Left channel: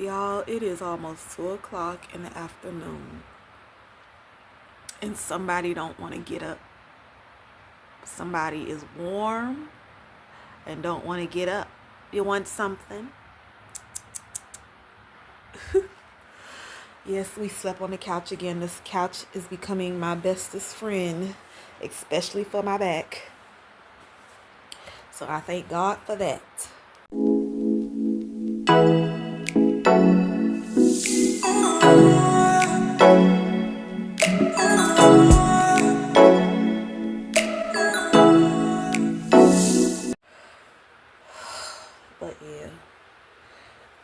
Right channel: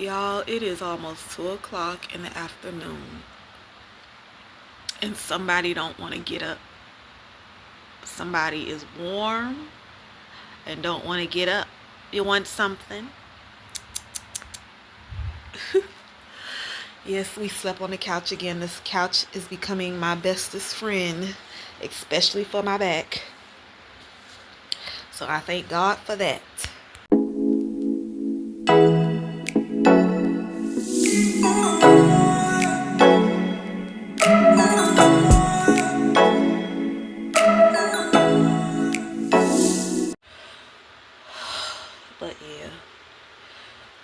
Y'all, it is almost 2 o'clock in the afternoon, and somebody don't want to get up. Somebody is warm and don't want to get up. You want something? Yes, we slept on the couch again. This couch is becoming my bestest friend, especially for my back. So I thank God for that.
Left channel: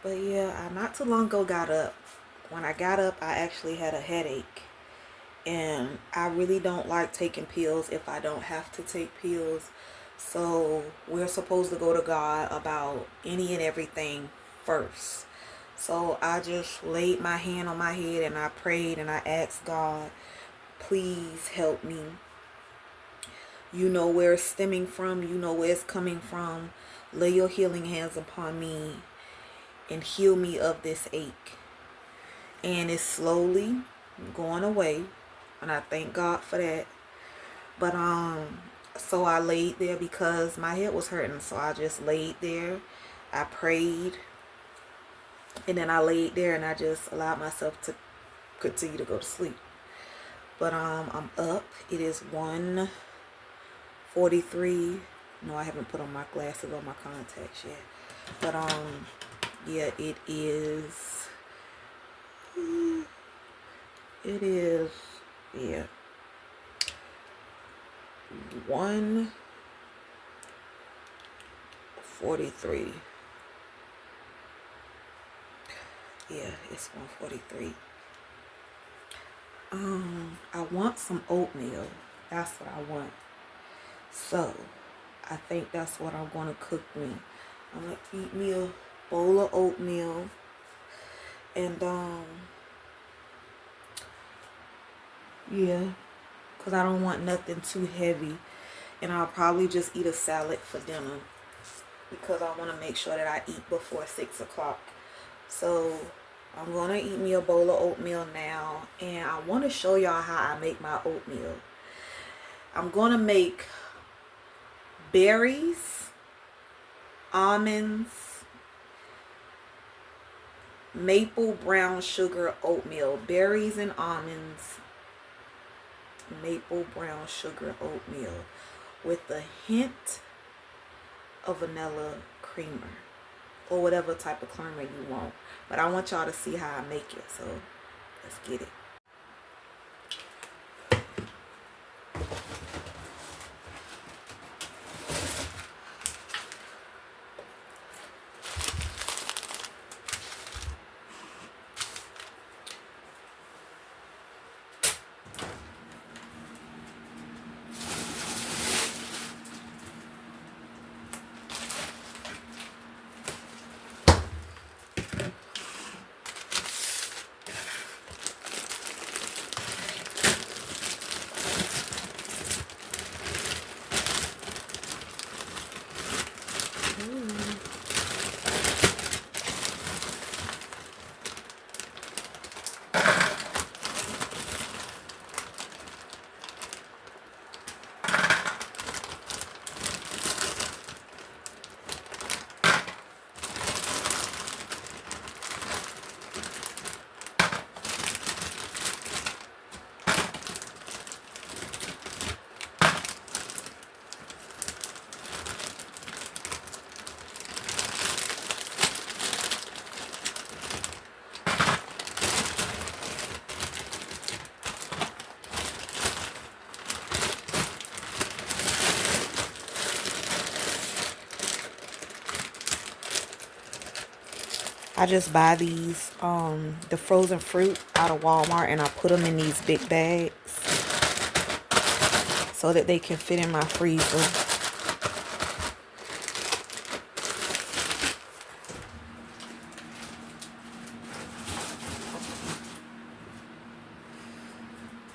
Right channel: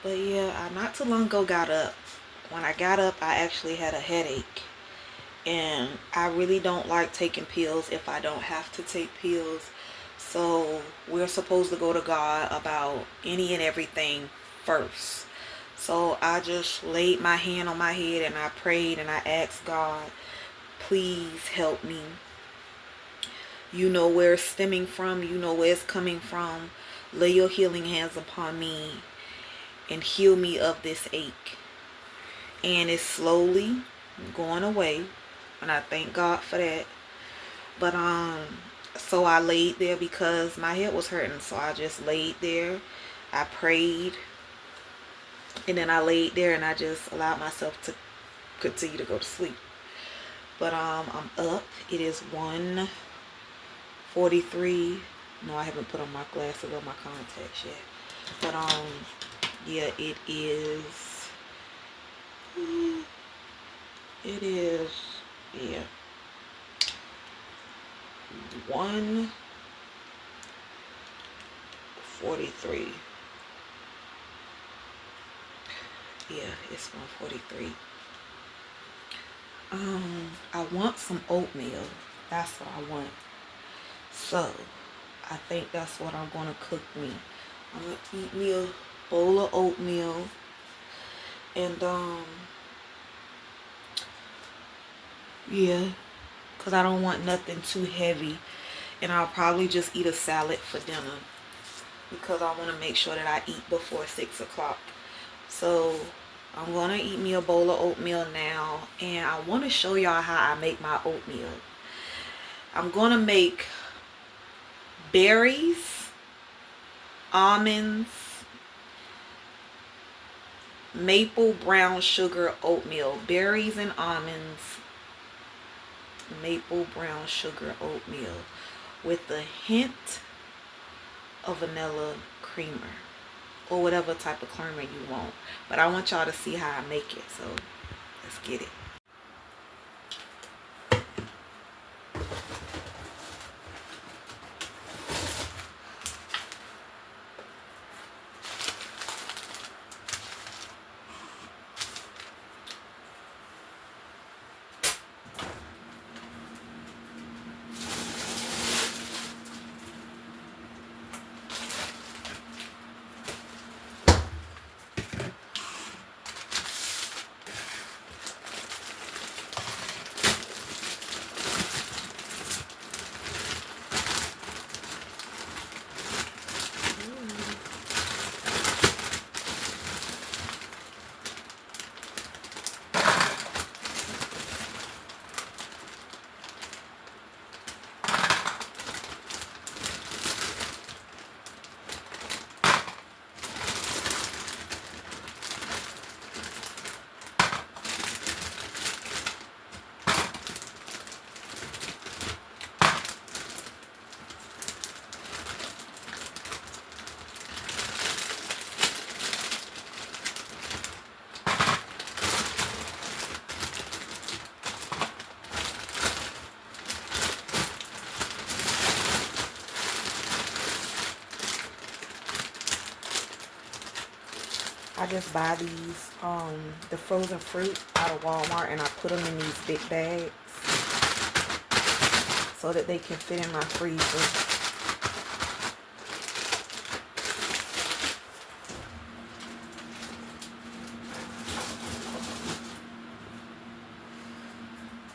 But yeah, I not too long ago got up. When I got up, I actually had a headache. And I really don't like taking pills if I don't have to take pills. So we're supposed to go to God about any and everything first. So I just laid my hand on my head and I prayed and I asked God, please help me. You know where it's stemming from. You know where it's coming from. Lay your healing hands upon me and heal me of this ache. And it's slowly going away. And I thank God for that. But so I laid there because my head was hurting. So I just laid there. I prayed. And then I laid there and I just allowed myself to continue to go to sleep. But I'm up. It is 1:43. No, I haven't put on my glasses or my contacts yet. But yeah, it is yeah, 1:43. Yeah, it's 1:43. I want some oatmeal. That's what I want. So I think that's what I'm gonna cook me. I'm gonna eat me a bowl of oatmeal and yeah, because I don't want nothing too heavy. And I'll probably just eat a salad for dinner because I want to make sure that I eat before 6 o'clock. So I'm going to eat me a bowl of oatmeal now. And I want to show y'all how I make my oatmeal. I'm going to make berries, almonds, maple brown sugar oatmeal. Berries and almonds, maple brown sugar oatmeal with a hint of vanilla creamer or whatever type of creamer you want. But I want y'all to see how I make it. So let's get it. I just buy these, the frozen fruit out of Walmart, and I put them in these big bags so that they can fit in my freezer.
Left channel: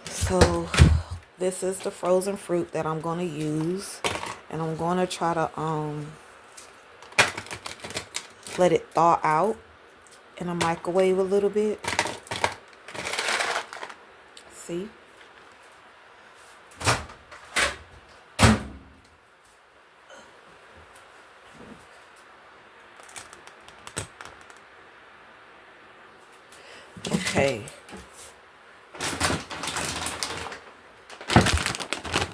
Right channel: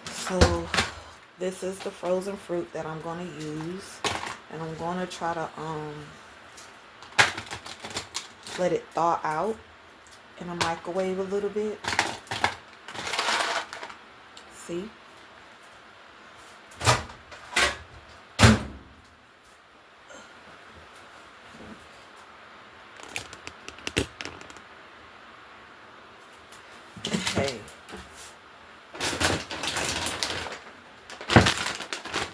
So this is the frozen fruit that I'm going to use, and I'm going to try to let it thaw out in a microwave a little bit. See? Okay.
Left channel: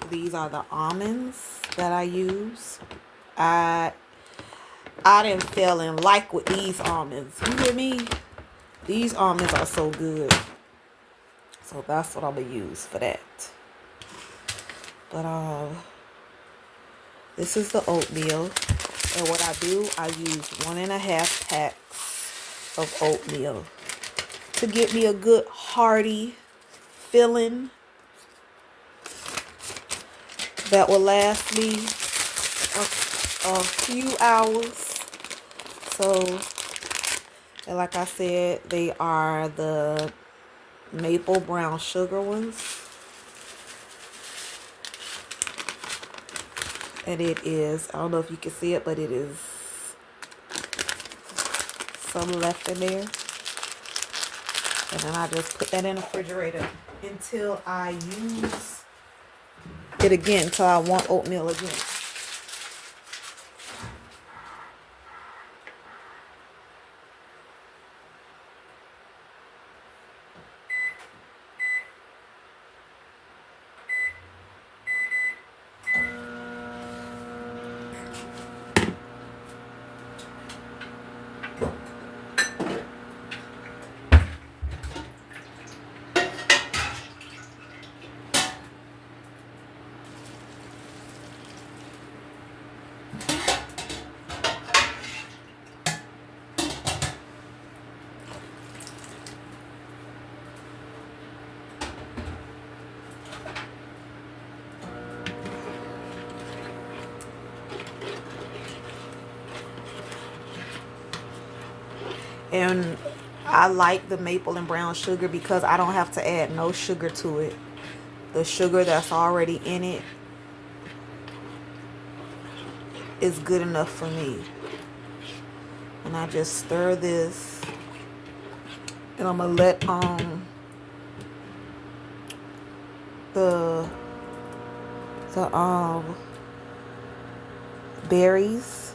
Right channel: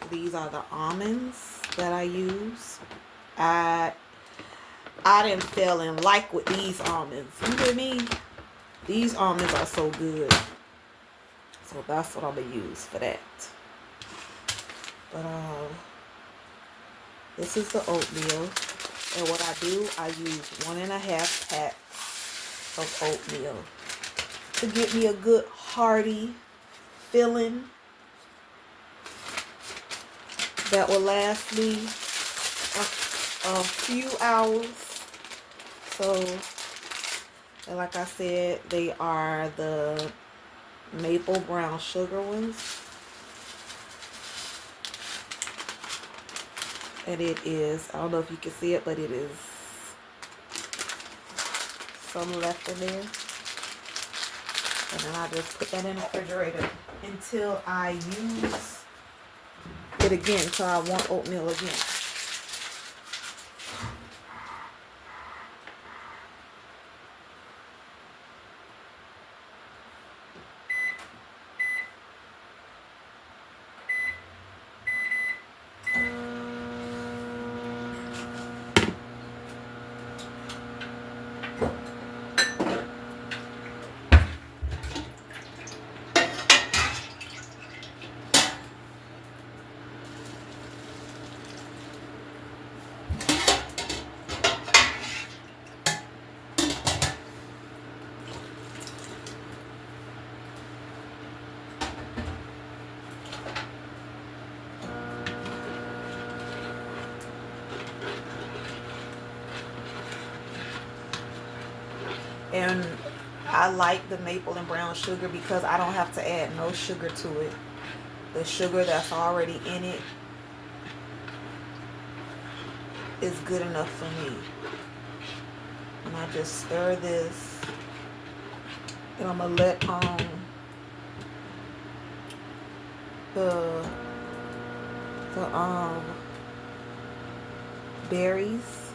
These are the almonds that I use. I didn't feel in like with these almonds. You hear me? These almonds are so good. So that's what I'm gonna use for that. But this is the oatmeal. And what I do, I use 1.5 packs of oatmeal to get me a good hearty filling that will last me a few hours. So, and like I said, they are the maple brown sugar ones. And it is, I don't know if you can see it, but it is some left in there. And then I just put that in the refrigerator until I use it again, until I want oatmeal again. And I like the maple and brown sugar because I don't have to add no sugar to it. The sugar that's already in it is good enough for me. And I just stir this, and I'm gonna let the berries,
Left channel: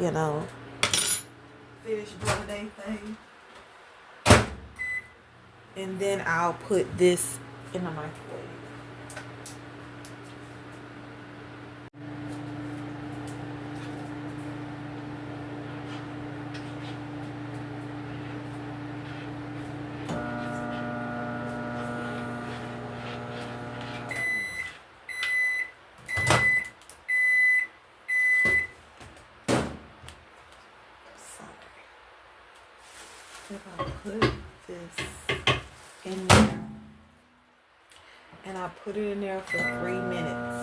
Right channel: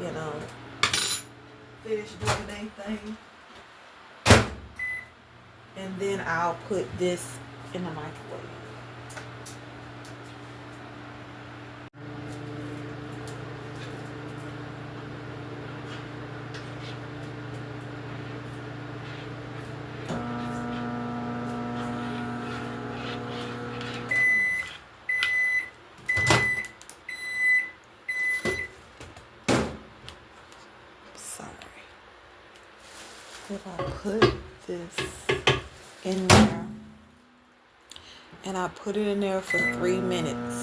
you know, finish doing their thing. And then I'll put this in the microwave. If I put this in there, and I put it in there for 3 minutes.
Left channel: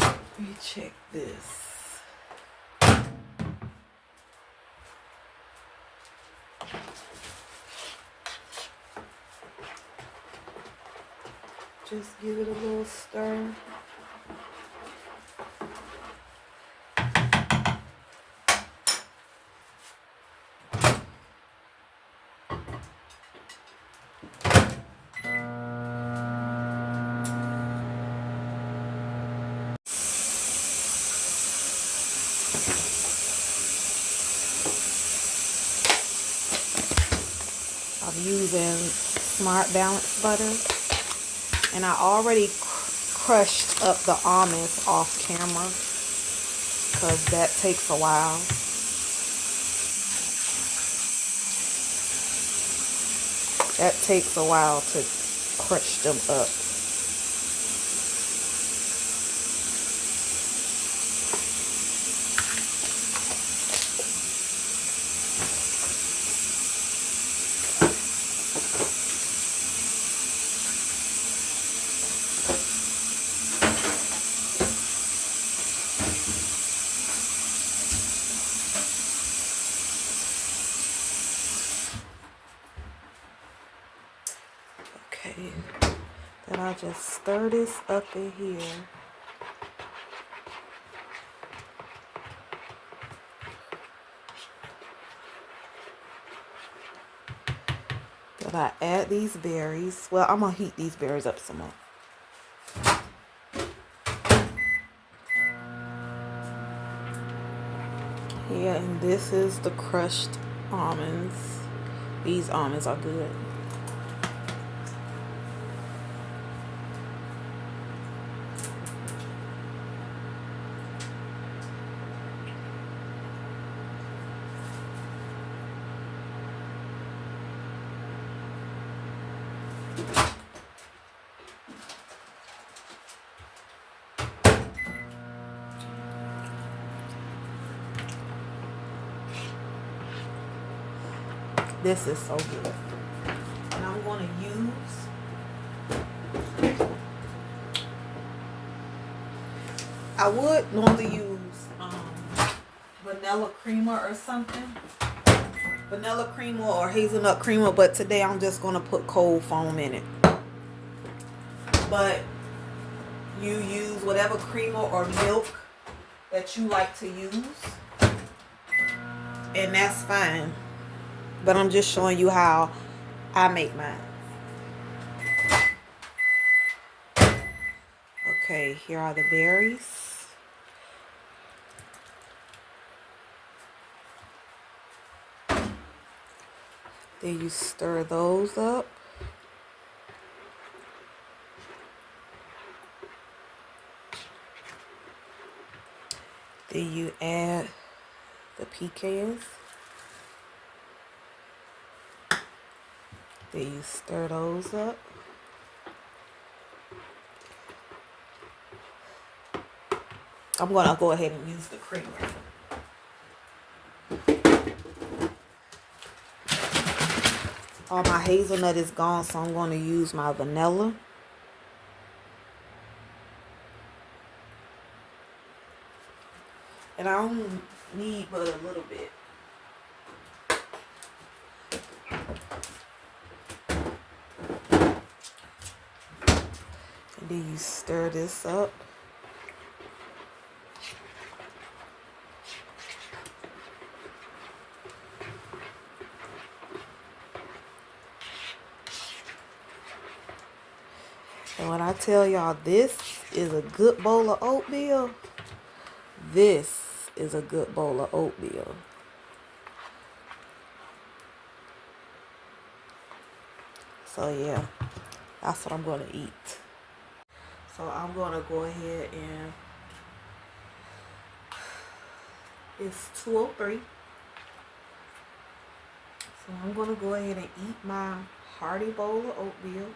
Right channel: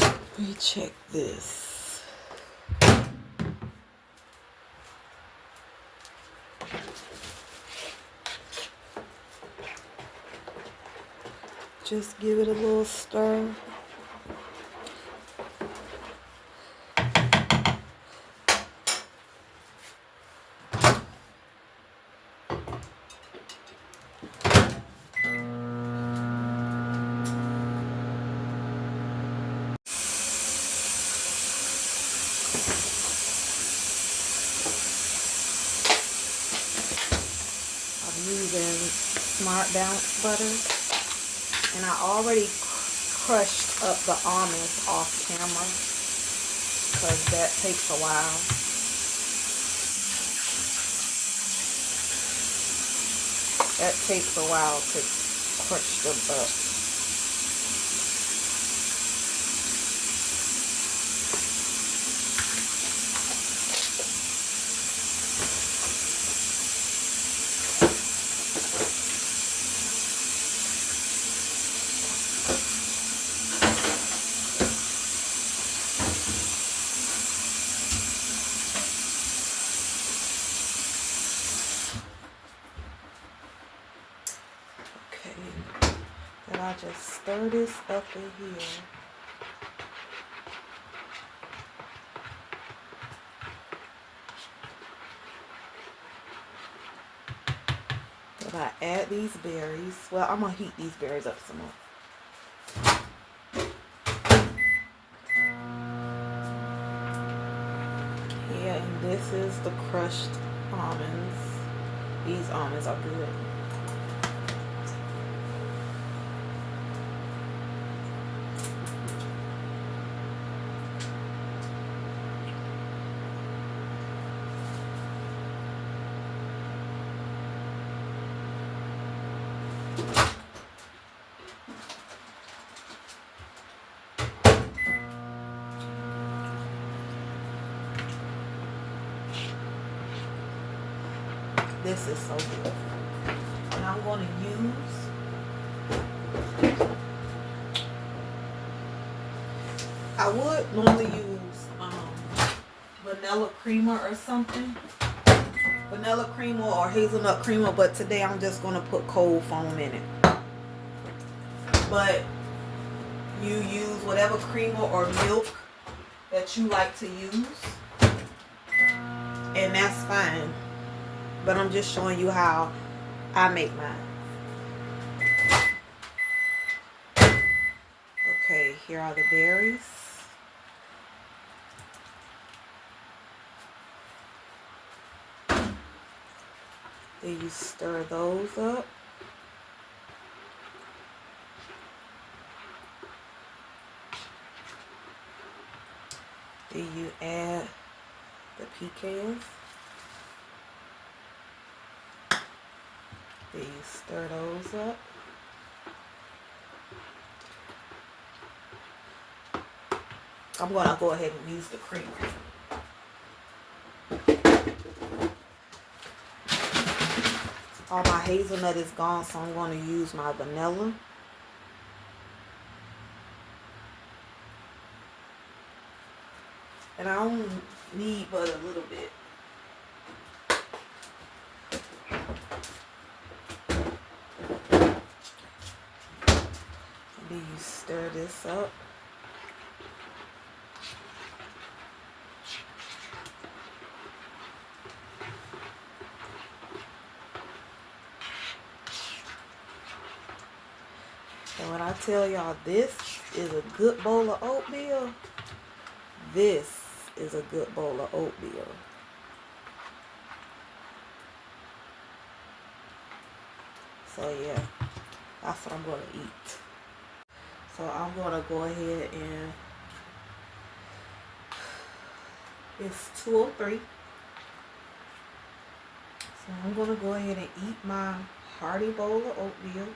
Let me check this. Just give it a little stir. I'm using Smart Balance butter. And I already crushed up the almonds off camera because that takes a while. That takes a while to crush them up. here. Then I just stir this up in here. Then I add these berries. Well, I'm gonna heat these berries up some more. Yeah, and this is the crushed almonds. These almonds are good. This is so good. And I'm going to use, I would normally use vanilla creamer or something. Vanilla creamer or hazelnut creamer, but today I'm just going to put cold foam in it. But you use whatever creamer or milk that you like to use, and that's fine. But I'm just showing you how I make mine. Okay, here are the berries. Then you stir those up. Then you add the pecans. Then you stir those up. I'm going to go ahead and use the creamer. All my hazelnut is gone, so I'm going to use my vanilla. And I only need but a little bit. And then you stir this up. And when I tell y'all this is a good bowl of oatmeal, this is a good bowl of oatmeal. So yeah, that's what I'm going to eat. So I'm going to go ahead and it's 2:03. So I'm going to go ahead and eat my hearty bowl of oatmeal.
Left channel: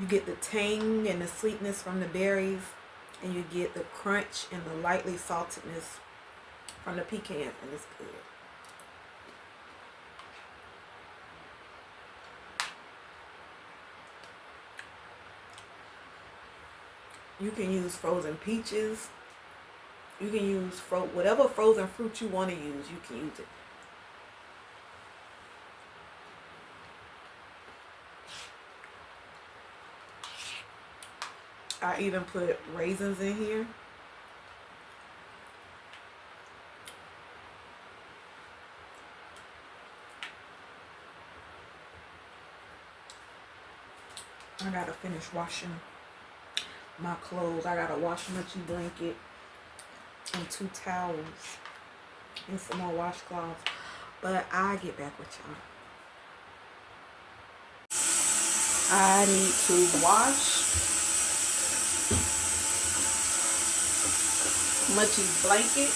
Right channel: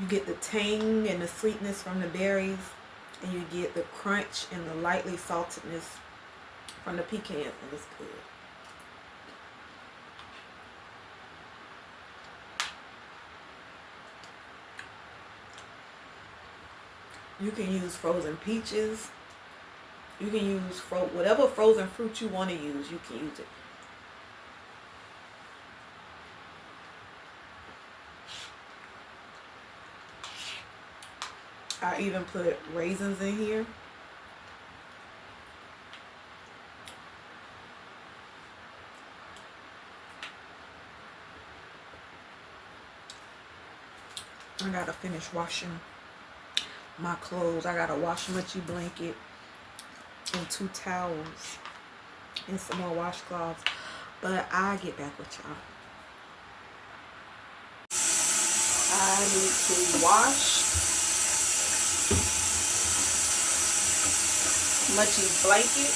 You get the tang and the sweetness from the berries, and you get the crunch and the lightly saltedness from the pecan, and it's good. You can use frozen peaches. You can use whatever frozen fruit you want to use, you can use it. I even put raisins in here. I gotta finish washing my clothes. I got a wash-munchy blanket and 2 towels and some more washcloths. But I get back with y'all. I need to wash Munchie's blanket.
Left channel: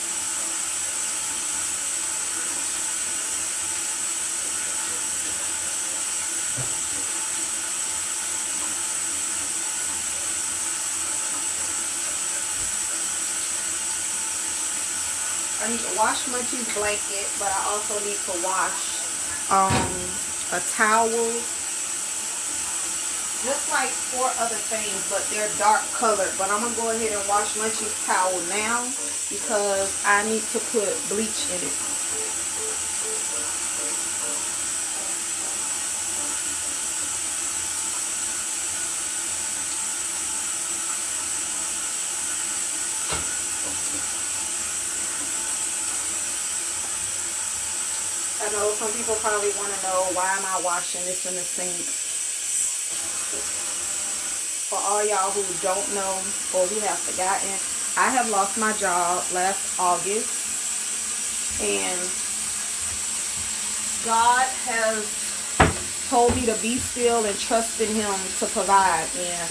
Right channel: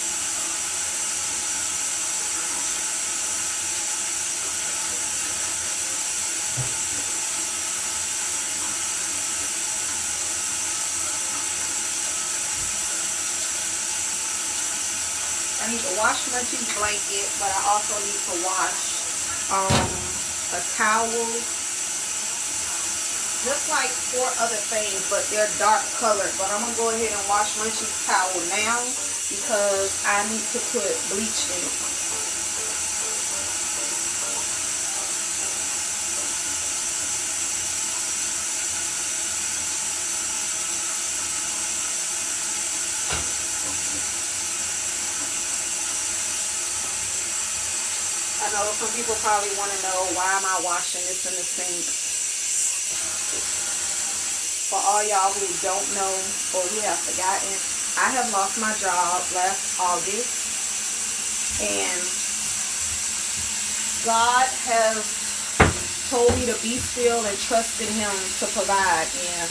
I need to wash Munchie's blanket, but I also need to wash a towel just like 4 other things, but they're dark colored. But I'm gonna go ahead and wash Munchie's towel now because I need to put bleach in it. I know some people probably want to know, why am I washing this in the sink? For all y'all who don't know or who have forgotten, I have lost my job last August, and God has told me to be still and trust in Him to provide. And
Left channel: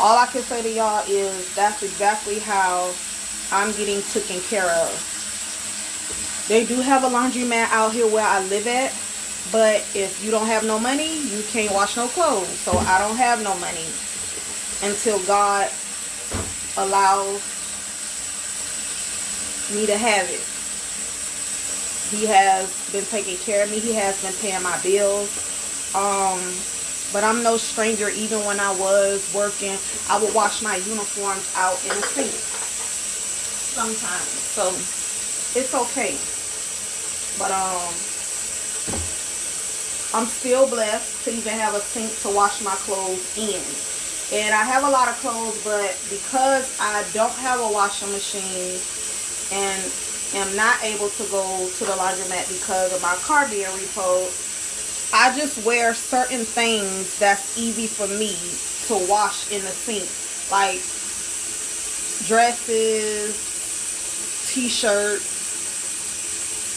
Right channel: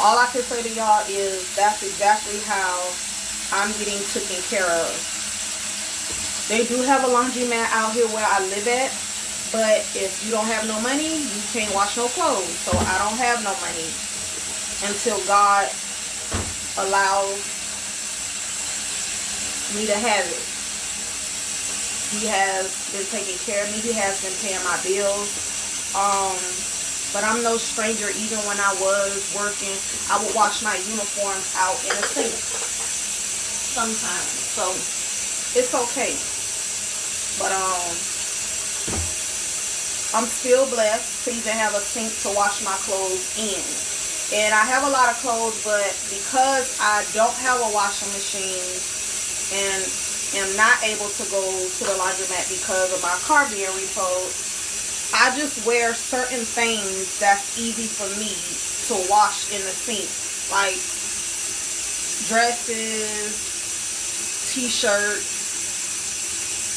all I can say to y'all is that's exactly how I'm getting taken care of. They do have a laundromat out here where I live at, but if you don't have no money, you can't wash no clothes. So I don't have no money until God allows me to have it. He has been taking care of me. He has been paying my bills. But I'm no stranger. Even when I was working, I would wash my uniforms out in the sink sometimes. So it's okay. But I'm still blessed to even have a sink to wash my clothes in. And I have a lot of clothes, but because I don't have a washing machine and am not able to go to the laundromat because of my car being repoed, I just wear certain things that's easy for me to wash in the sink. Like dresses, t-shirts,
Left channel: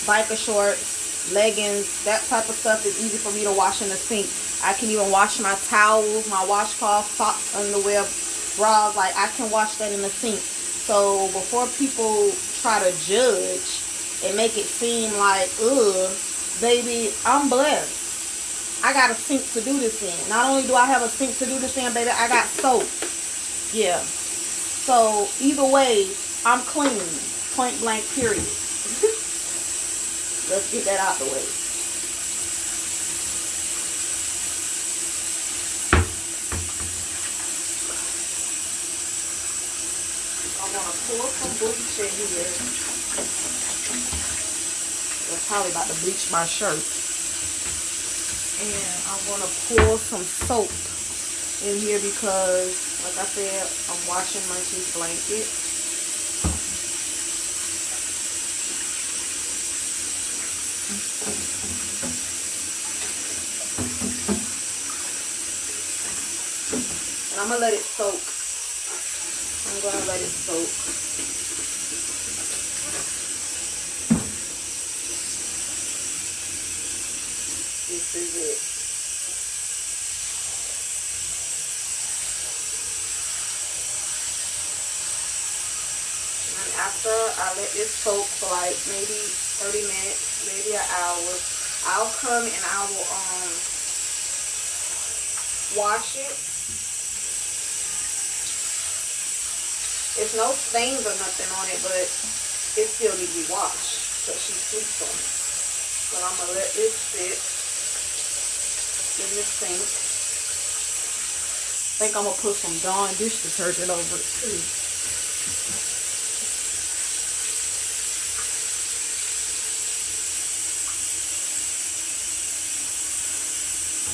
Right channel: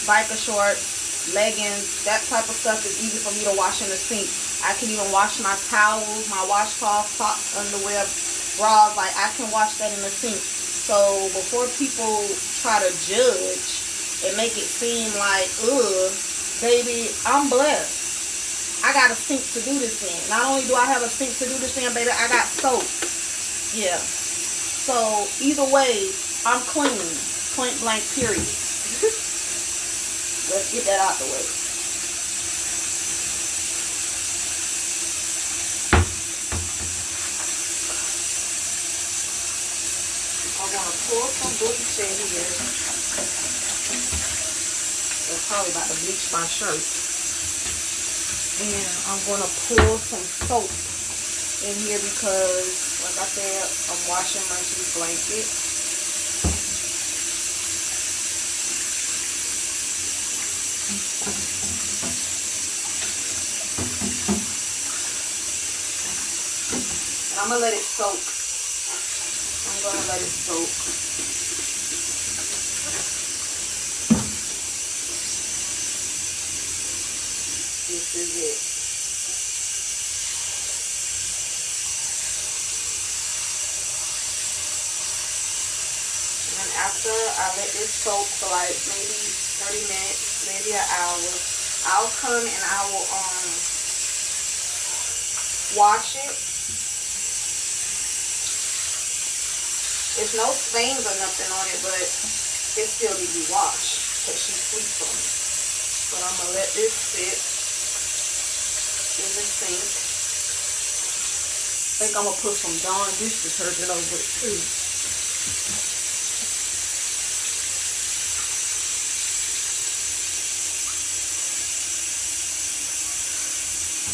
biker shorts, leggings, that type of stuff is easy for me to wash in the sink. I can even wash my towels, my washcloth, socks, underwear, bras. Like, I can wash that in the sink. So before people try to judge and make it seem like, ugh, baby, I'm blessed. I got a sink to do this in. Not only do I have a sink to do this in, baby, I got soap. Yeah. So either way, I'm clean. Point blank period. Let's get that out the way. I'm going to pour some bleach in here. That's probably about to bleach my shirt. And I'm going to pour some soap in here because, like I said, I'm washing Munchie's blanket. I'm going to let it soak. I'm going to let it soak. This is it. And after I let this soak for like maybe 30 minutes, maybe an hour, I'll come and I will wash it. There's no stains or nothing on it, but it still needs to be washed because she sleeps on it. But I'm going to let this sit in the sink. I think I'm going to put some Dawn dish detergent over it too.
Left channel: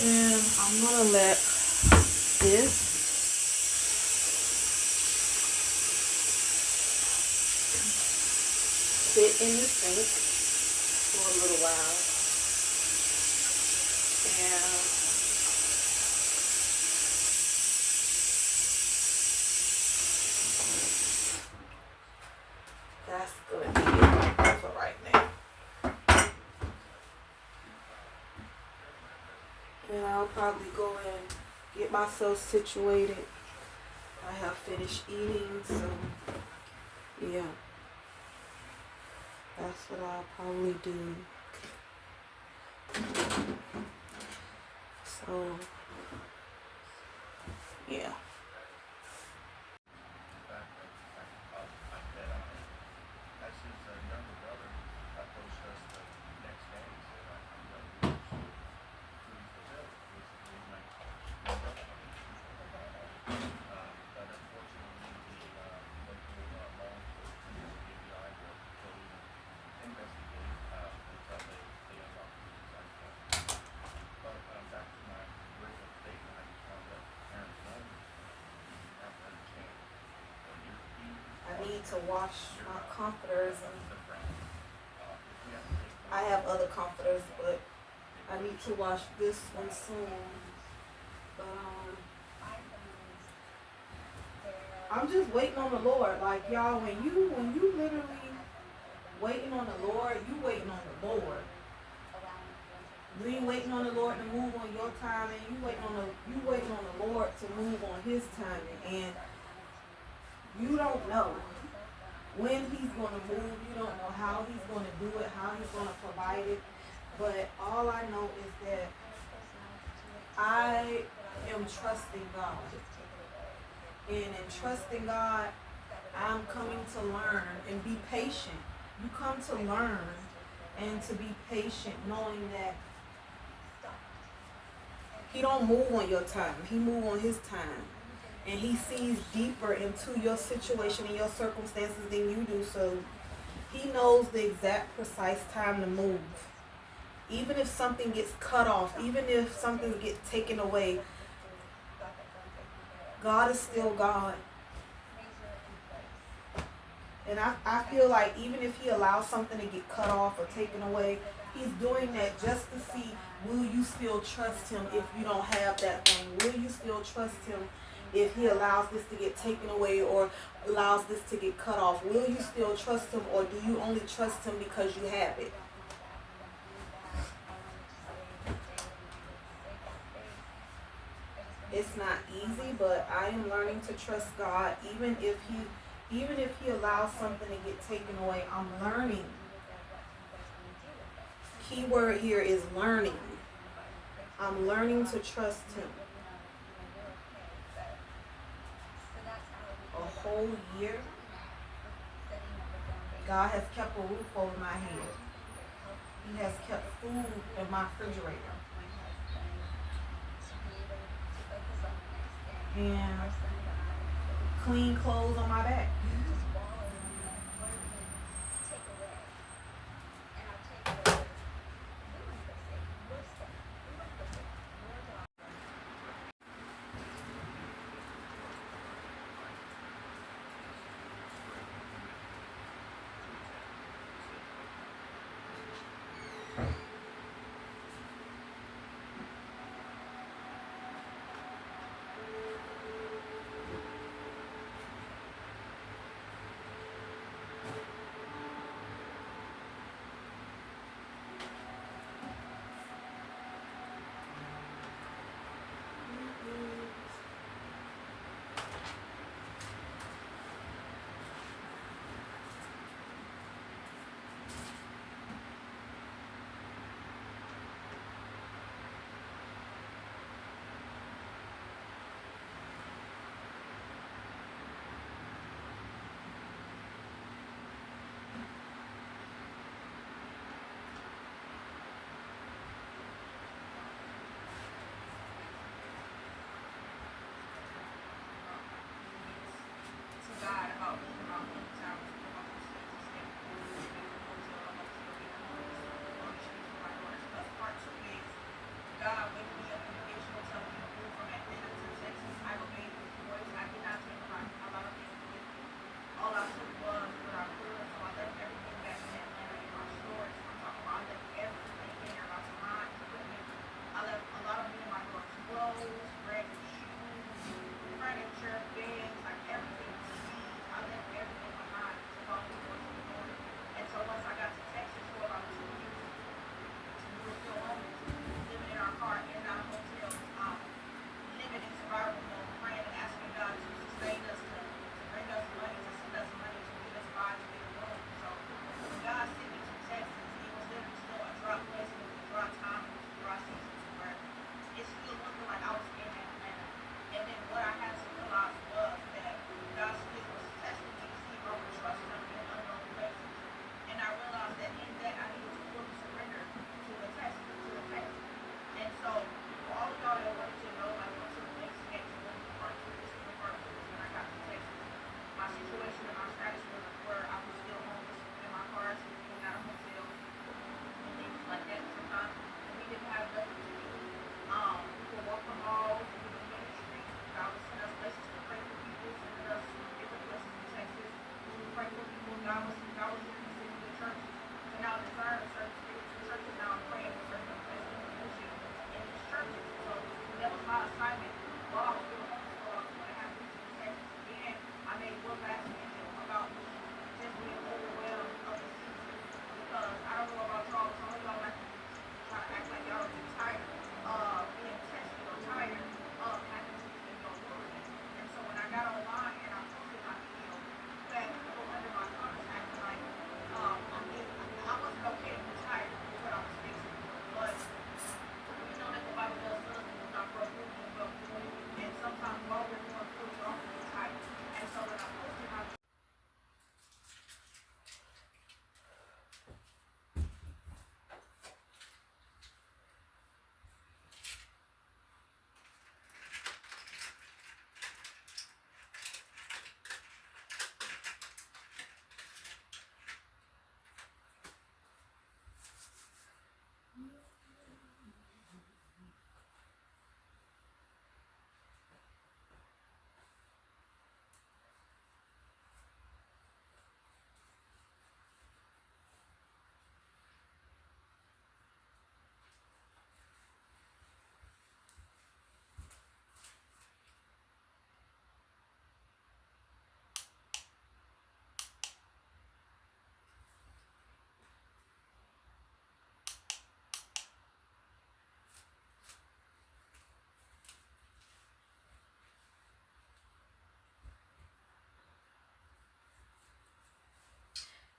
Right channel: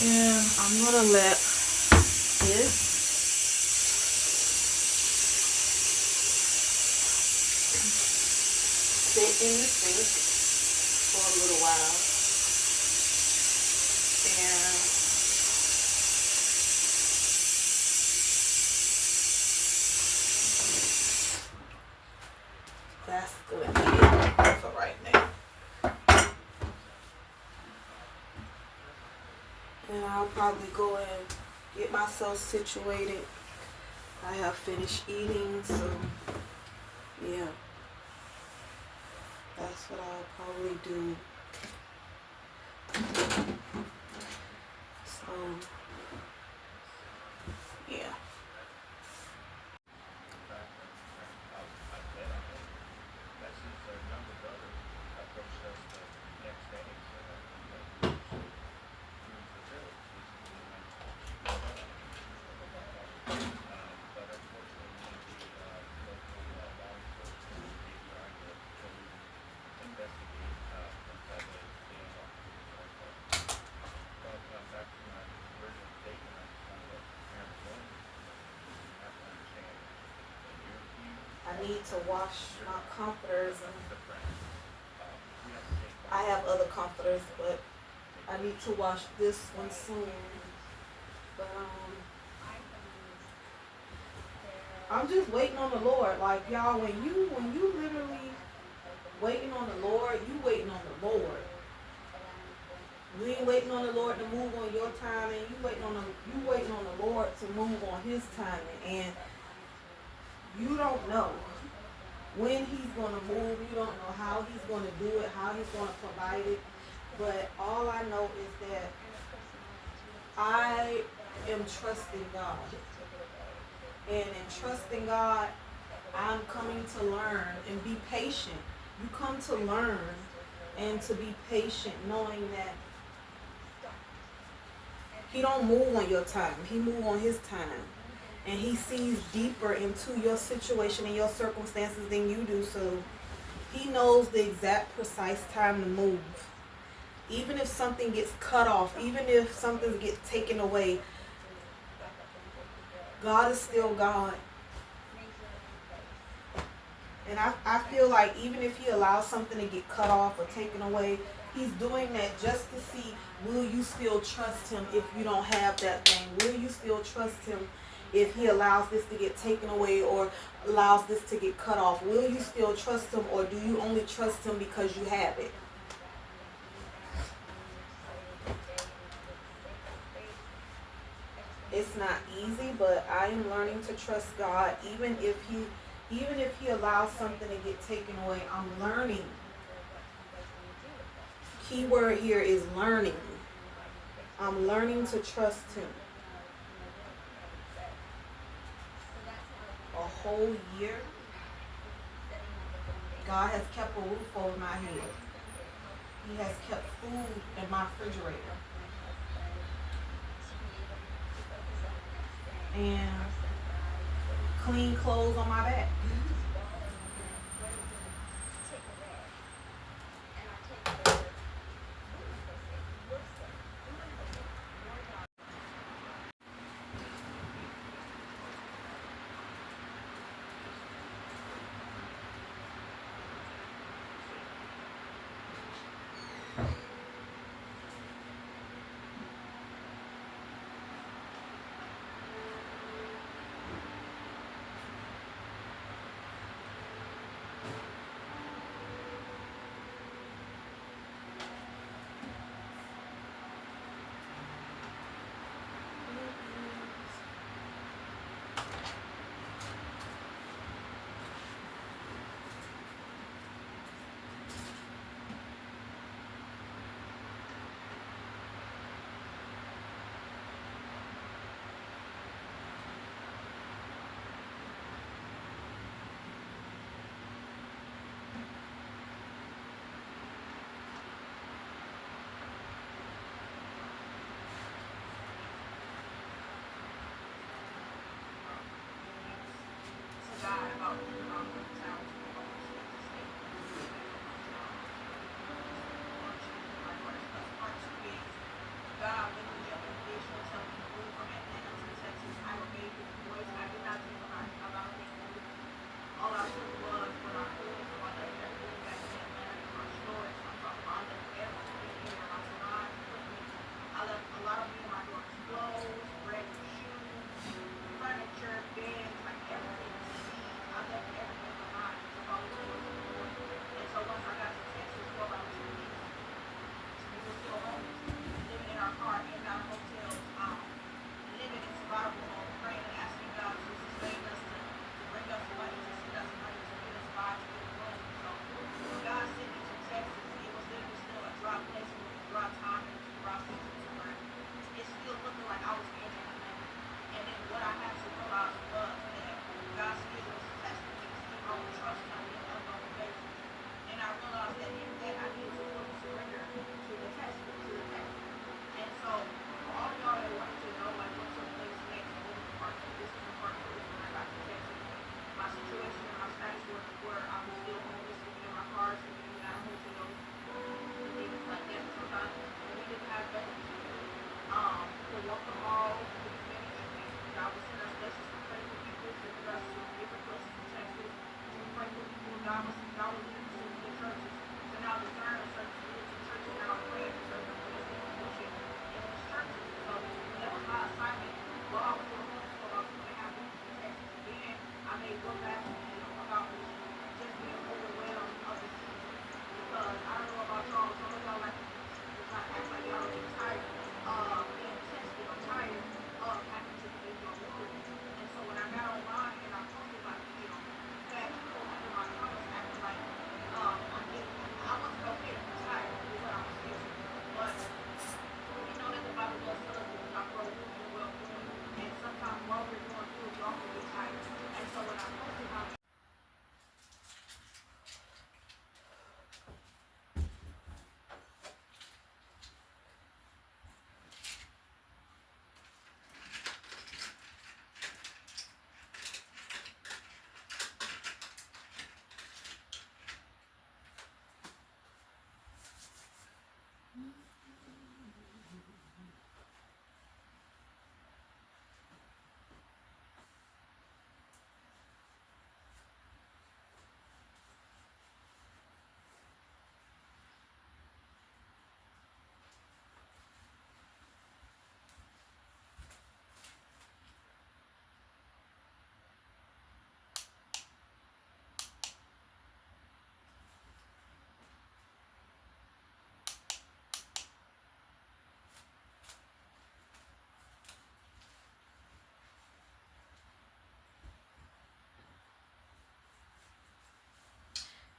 And I'm going to let this sit in the sink for a little while. And that's going to be it for right now. And I'll probably go and get myself situated. I have finished eating, so yeah. That's what I'll probably do. So, yeah. need to wash my comforters, and I have other comforters, but I need to wash this one soon. But I'm just waiting on the Lord. Like, y'all, when you literally waiting on the Lord, you waiting on the Lord. You ain't waiting on the Lord to move on your timing. You waiting on the Lord to move on His timing, and you don't know when He's gonna move. You don't know how He's gonna do it, how He's gonna provide it. But all I know is that I am trusting God, and in trusting God, I'm coming to learn and be patient. You come to learn and to be patient, knowing that He don't move on your time. He move on His time. And He sees deeper into your situation and your circumstances than you do. So He knows the exact precise time to move. Even if something gets cut off, even if something gets taken away, God is still God. And I feel like even if He allows something to get cut off or taken away, He's doing that just to see, will you still trust Him if you don't have that thing? Will you still trust Him if He allows this to get taken away or allows this to get cut off? Will you still trust Him, or do you only trust Him because you have it? It's not easy, but I am learning to trust God even if He allows something to get taken away. I'm learning. Key word here is learning. I'm learning to trust Him. A whole year, God has kept a roof over my head. He has kept food in my refrigerator. And clean clothes on my back.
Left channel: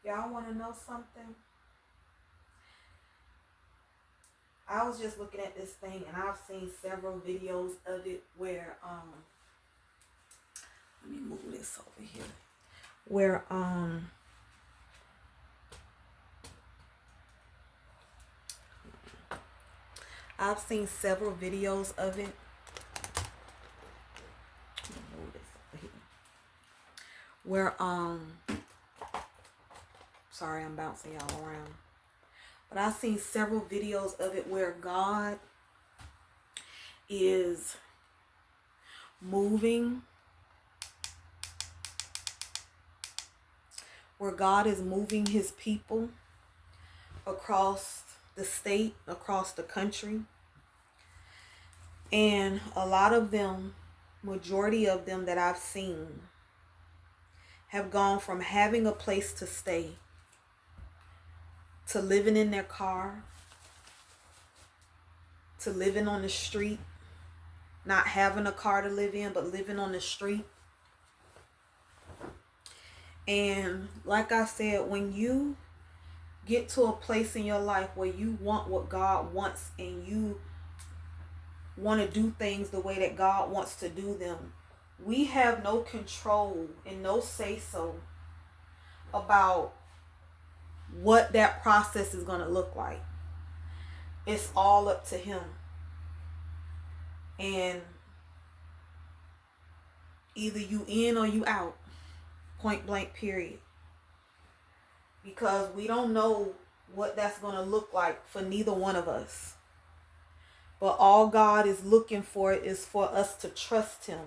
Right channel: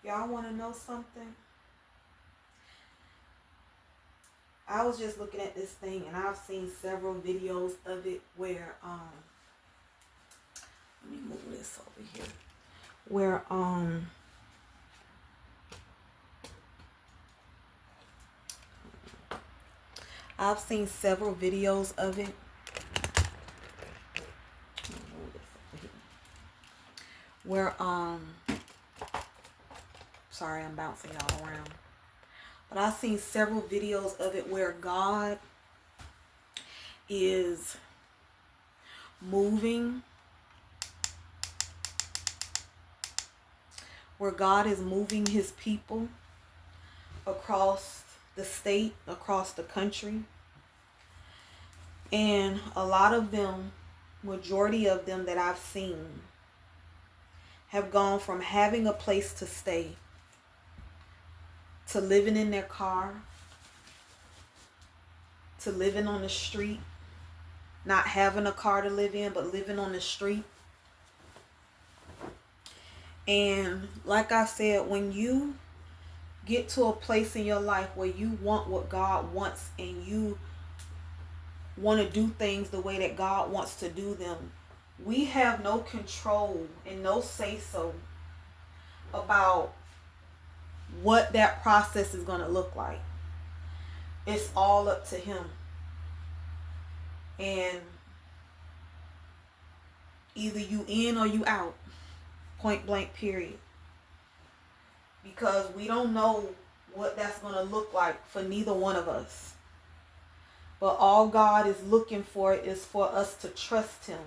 Y'all want to know something? I was just looking at this thing, and I've seen several videos of it where let me move this over here. Where I've seen several videos of it. Let me move this over here. Where sorry, I'm bouncing y'all around. But I've seen several videos of it where God is moving. Where God is moving his people across the state, across the country. And a lot of them, majority of them that I've seen, have gone from having a place to stay to living in their car, to living on the street, not having a car to live in, but living on the street. And like I said, when you get to a place in your life where you want what God wants and you want to do things the way that God wants to do them, we have no control and no say-so about what that process is going to look like. It's all up to him. And either you in or you out. Point blank, period. Because we don't know what that's going to look like for neither one of us. But all God is looking for is for us to trust him.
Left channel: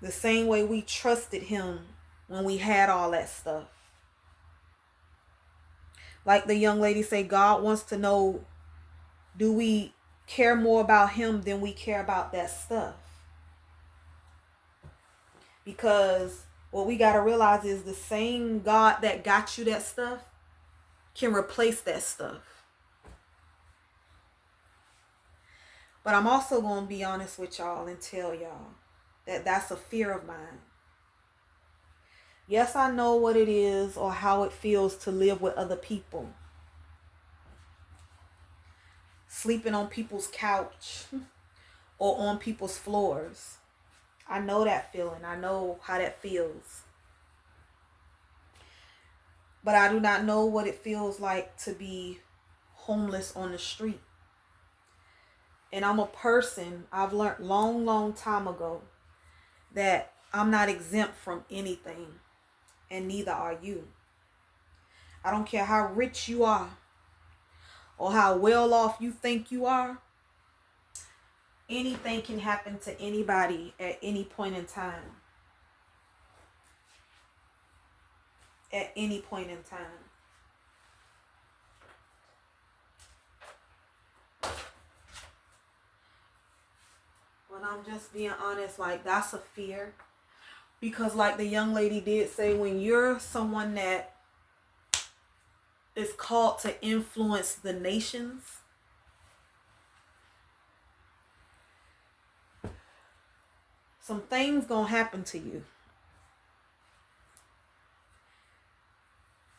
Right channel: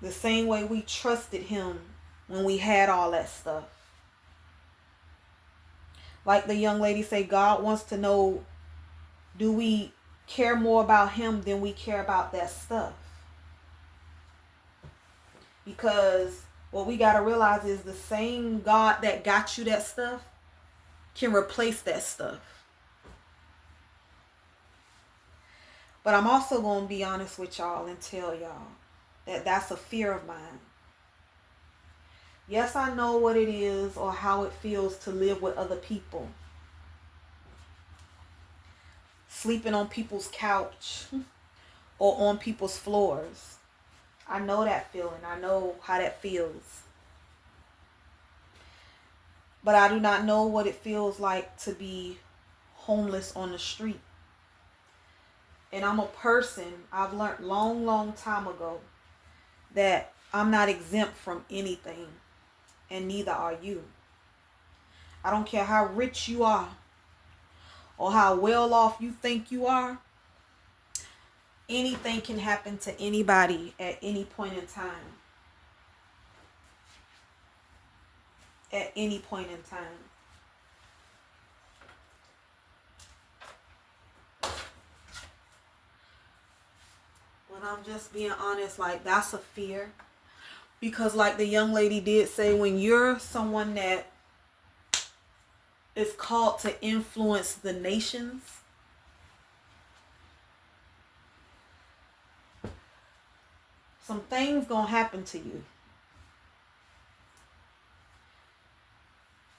The same way we trusted him when we had all that stuff. Like the young lady said, God wants to know, do we care more about him than we care about that stuff? Because what we got to realize is the same God that got you that stuff can replace that stuff. But I'm also going to be honest with y'all and tell y'all that that's a fear of mine. Yes, I know what it is or how it feels to live with other people. Sleeping on people's couch or on people's floors. I know that feeling. I know how that feels. But I do not know what it feels like to be homeless on the street. And I'm a person, I've learned long time ago that I'm not exempt from anything. And neither are you. I don't care how rich you are or how well off you think you are. Anything can happen to anybody at any point in time. At any point in time. But I'm just being honest, like that's a fear. Because like the young lady did say, when you're someone that is called to influence the nations, some things gonna happen to you.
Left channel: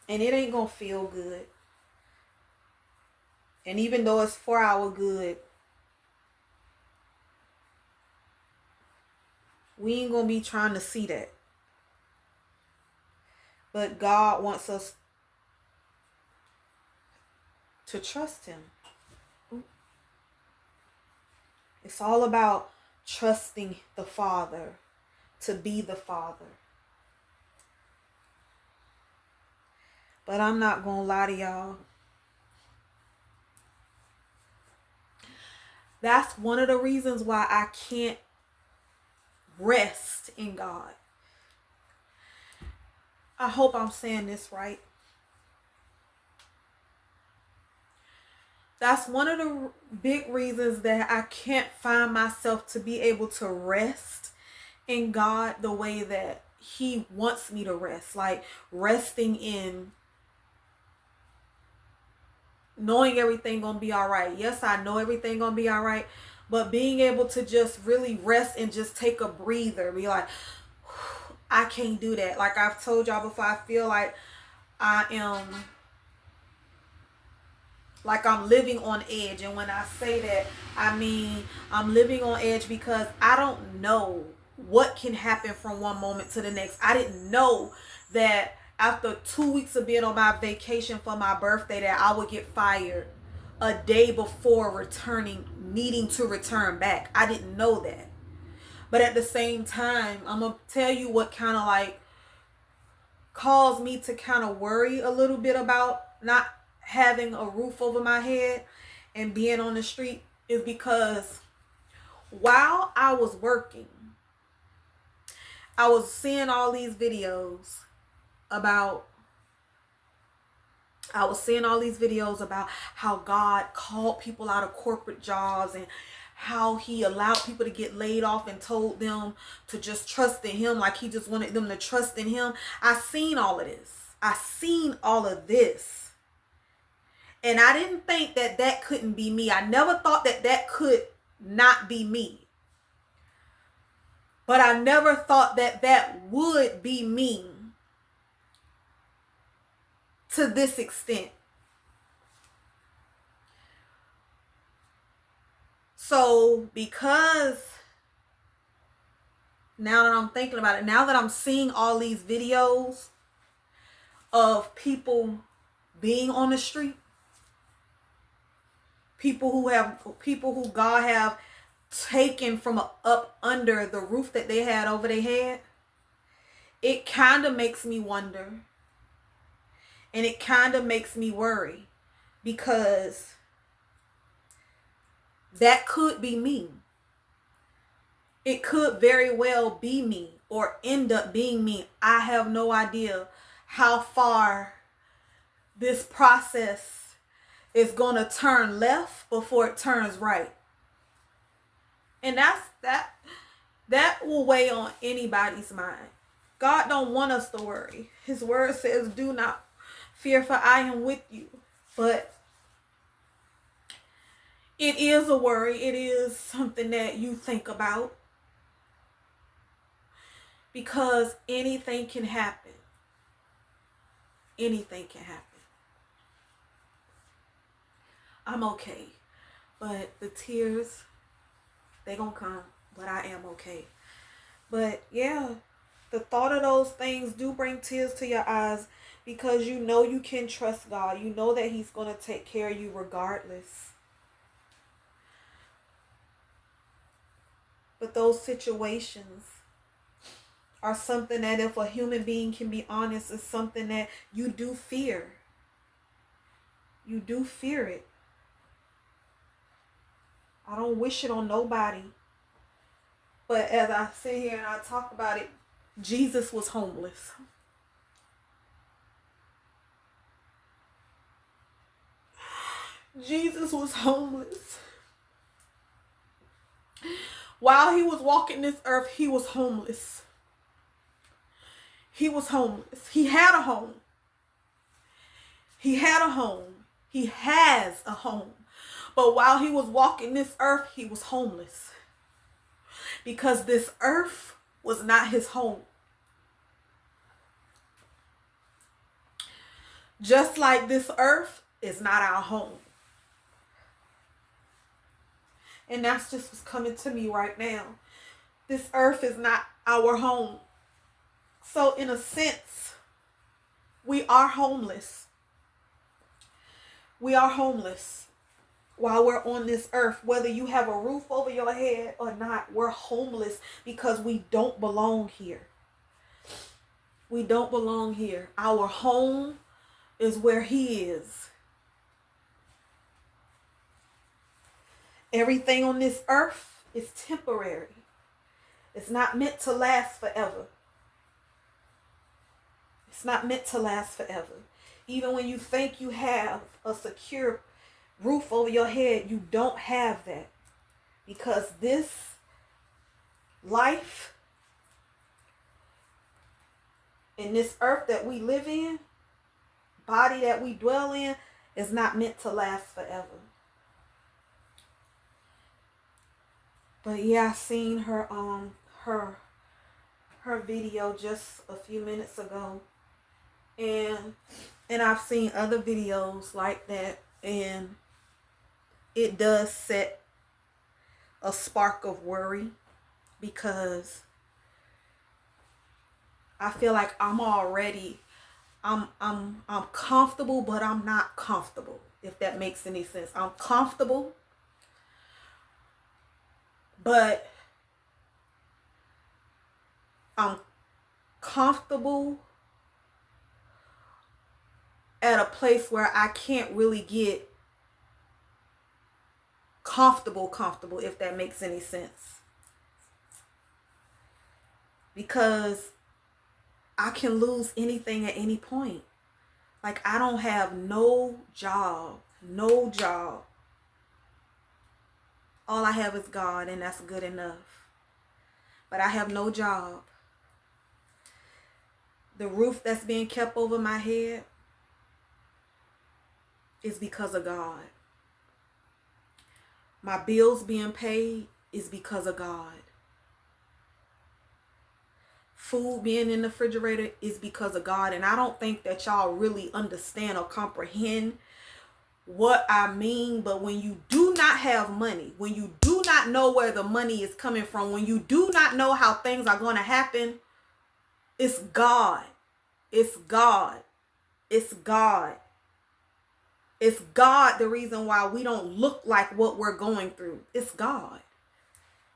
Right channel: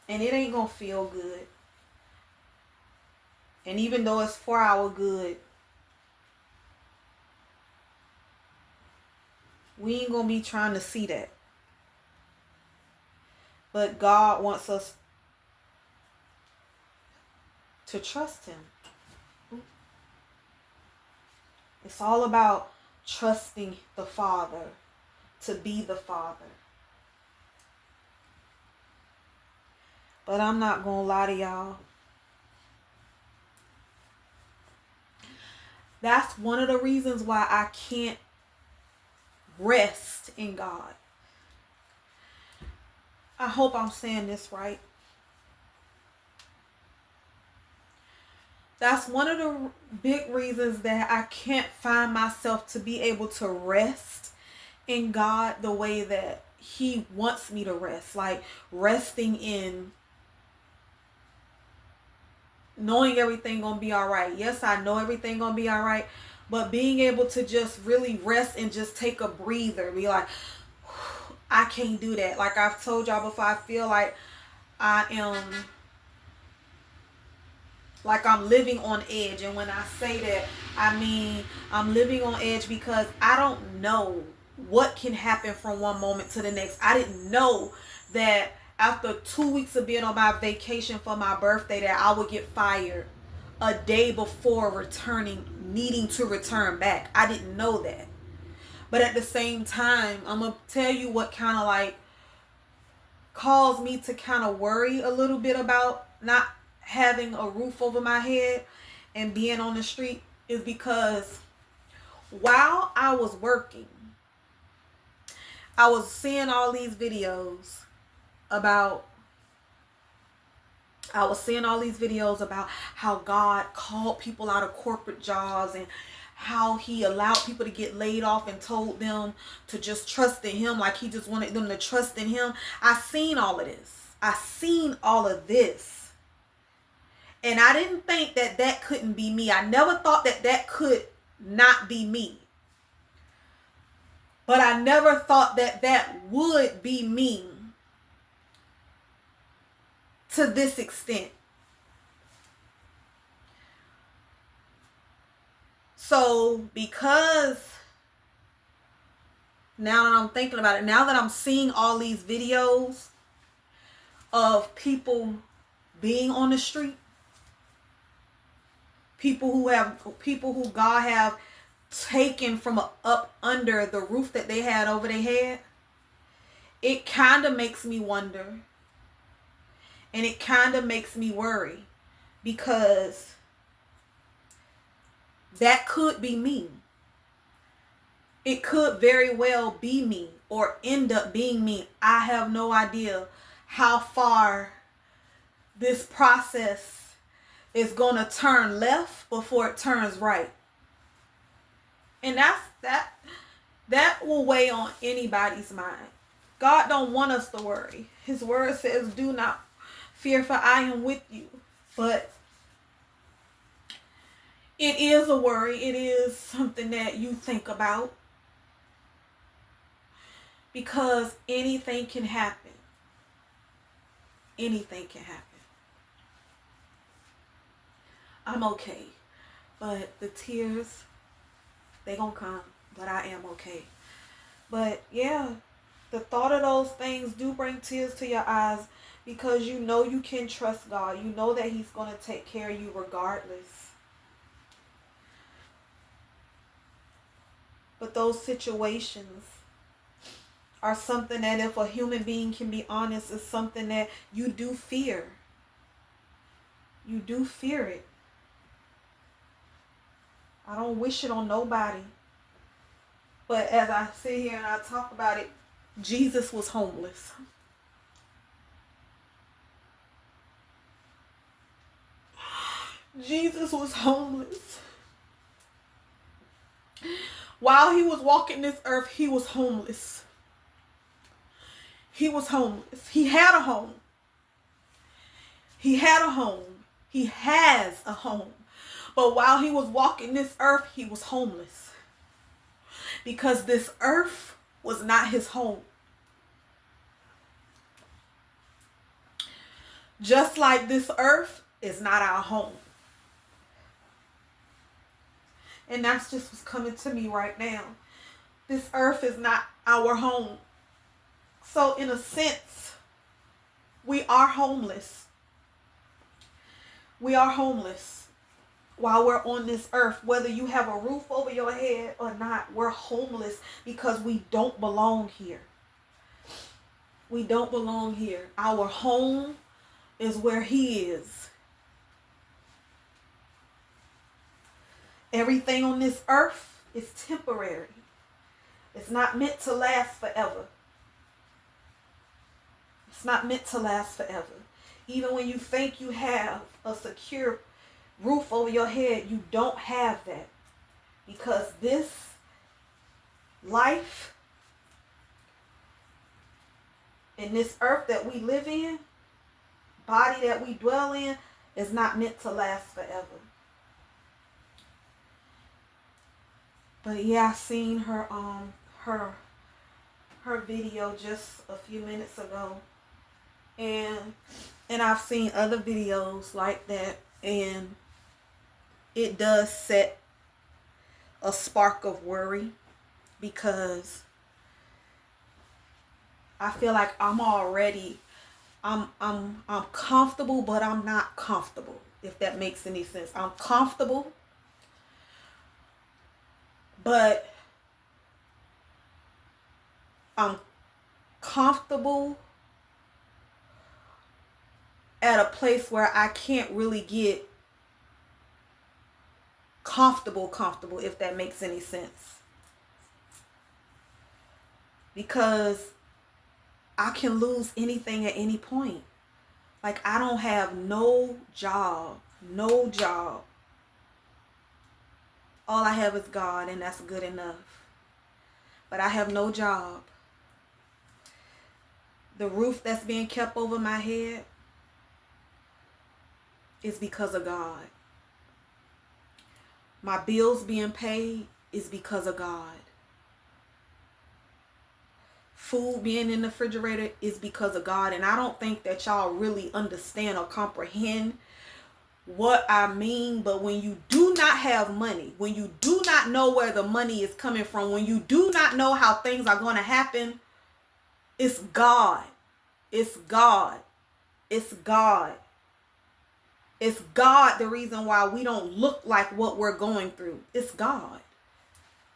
And it ain't gonna feel good. And even though it's for our good, we ain't gonna be trying to see that. But God wants us to trust him. It's all about trusting the Father to be the Father. But I'm not gonna lie to y'all. That's one of the reasons why I can't rest in God. I hope I'm saying this right. That's one of the big reasons that I can't find myself to be able to rest in God the way that he wants me to rest. Like resting in knowing everything gonna be all right. Yes, I know everything gonna be all right. But being able to just really rest and just take a breather. Be like, I can't do that. Like I've told y'all before, I feel like I am, like I'm living on edge. And when I say that, I mean I'm living on edge because I don't know what can happen from one moment to the next. I didn't know that after 2 weeks of being on my vacation for my birthday that I would get fired a day before needing to return back. I didn't know that. But at the same time, I'm going to tell you what kind of like caused me to kind of worry a little bit about not having a roof over my head and being on the street is because while I was working, I was seeing all these videos about how God called people out of corporate jobs and how he allowed people to get laid off and told them to just trust in him, like he just wanted them to trust in him. I seen all of this. And I didn't think that couldn't be me. I never thought that could not be me. But I never thought that would be me to this extent. So because now that I'm thinking about it, now that I'm seeing all these videos of people being on the street, people who God have taken from up under the roof that they had over their head, it kind of makes me wonder, and it kind of makes me worry, because that could be me. It could very well be me or end up being me. I have no idea how far this process is going to turn left before it turns right. And that will weigh on anybody's mind. God don't want us to worry. His word says, do not fear, for I am with you. But it is a worry. It is something that you think about, because anything can happen. Anything can happen. I'm okay. But the tears, they gonna come. But I am okay. But yeah, the thought of those things do bring tears to your eyes, because you know you can trust God. You know that he's going to take care of you regardless. But those situations are something that, if a human being can be honest, is something that you do fear. You do fear it. I don't wish it on nobody. But as I sit here and I talk about it, Jesus was homeless. Jesus was homeless. While he was walking this earth, he was homeless. He was homeless. He had a home. He had a home. He has a home. But while he was walking this earth, he was homeless. Because this earth was not his home. Just like this earth is not our home. And that's just what's coming to me right now. This earth is not our home. So in a sense, we are homeless. We are homeless while we're on this earth. Whether you have a roof over your head or not, we're homeless because we don't belong here. We don't belong here. Our home is where he is. Everything on this earth is temporary. It's not meant to last forever. It's not meant to last forever. Even when you think you have a secure roof over your head, you don't have that. Because this life and this earth that we live in, body that we dwell in, is not meant to last forever. But yeah, I seen her her video just a few minutes ago, and I've seen other videos like that, and it does set a spark of worry, because I feel like I'm comfortable, but I'm not comfortable, if that makes any sense. I'm comfortable, but I'm comfortable at a place where I can't really get comfortable, if that makes any sense. Because I can lose anything at any point. Like, I don't have no job. All I have is God, and that's good enough. But I have no job. The roof that's being kept over my head is because of God. My bills being paid is because of God. Food being in the refrigerator is because of God. And I don't think that y'all really understand or comprehend what I mean. But when you do not have money, when you do not know where the money is coming from, when you do not know how things are going to happen, it's God. It's God. It's God. It's God the reason why we don't look like what we're going through. It's God.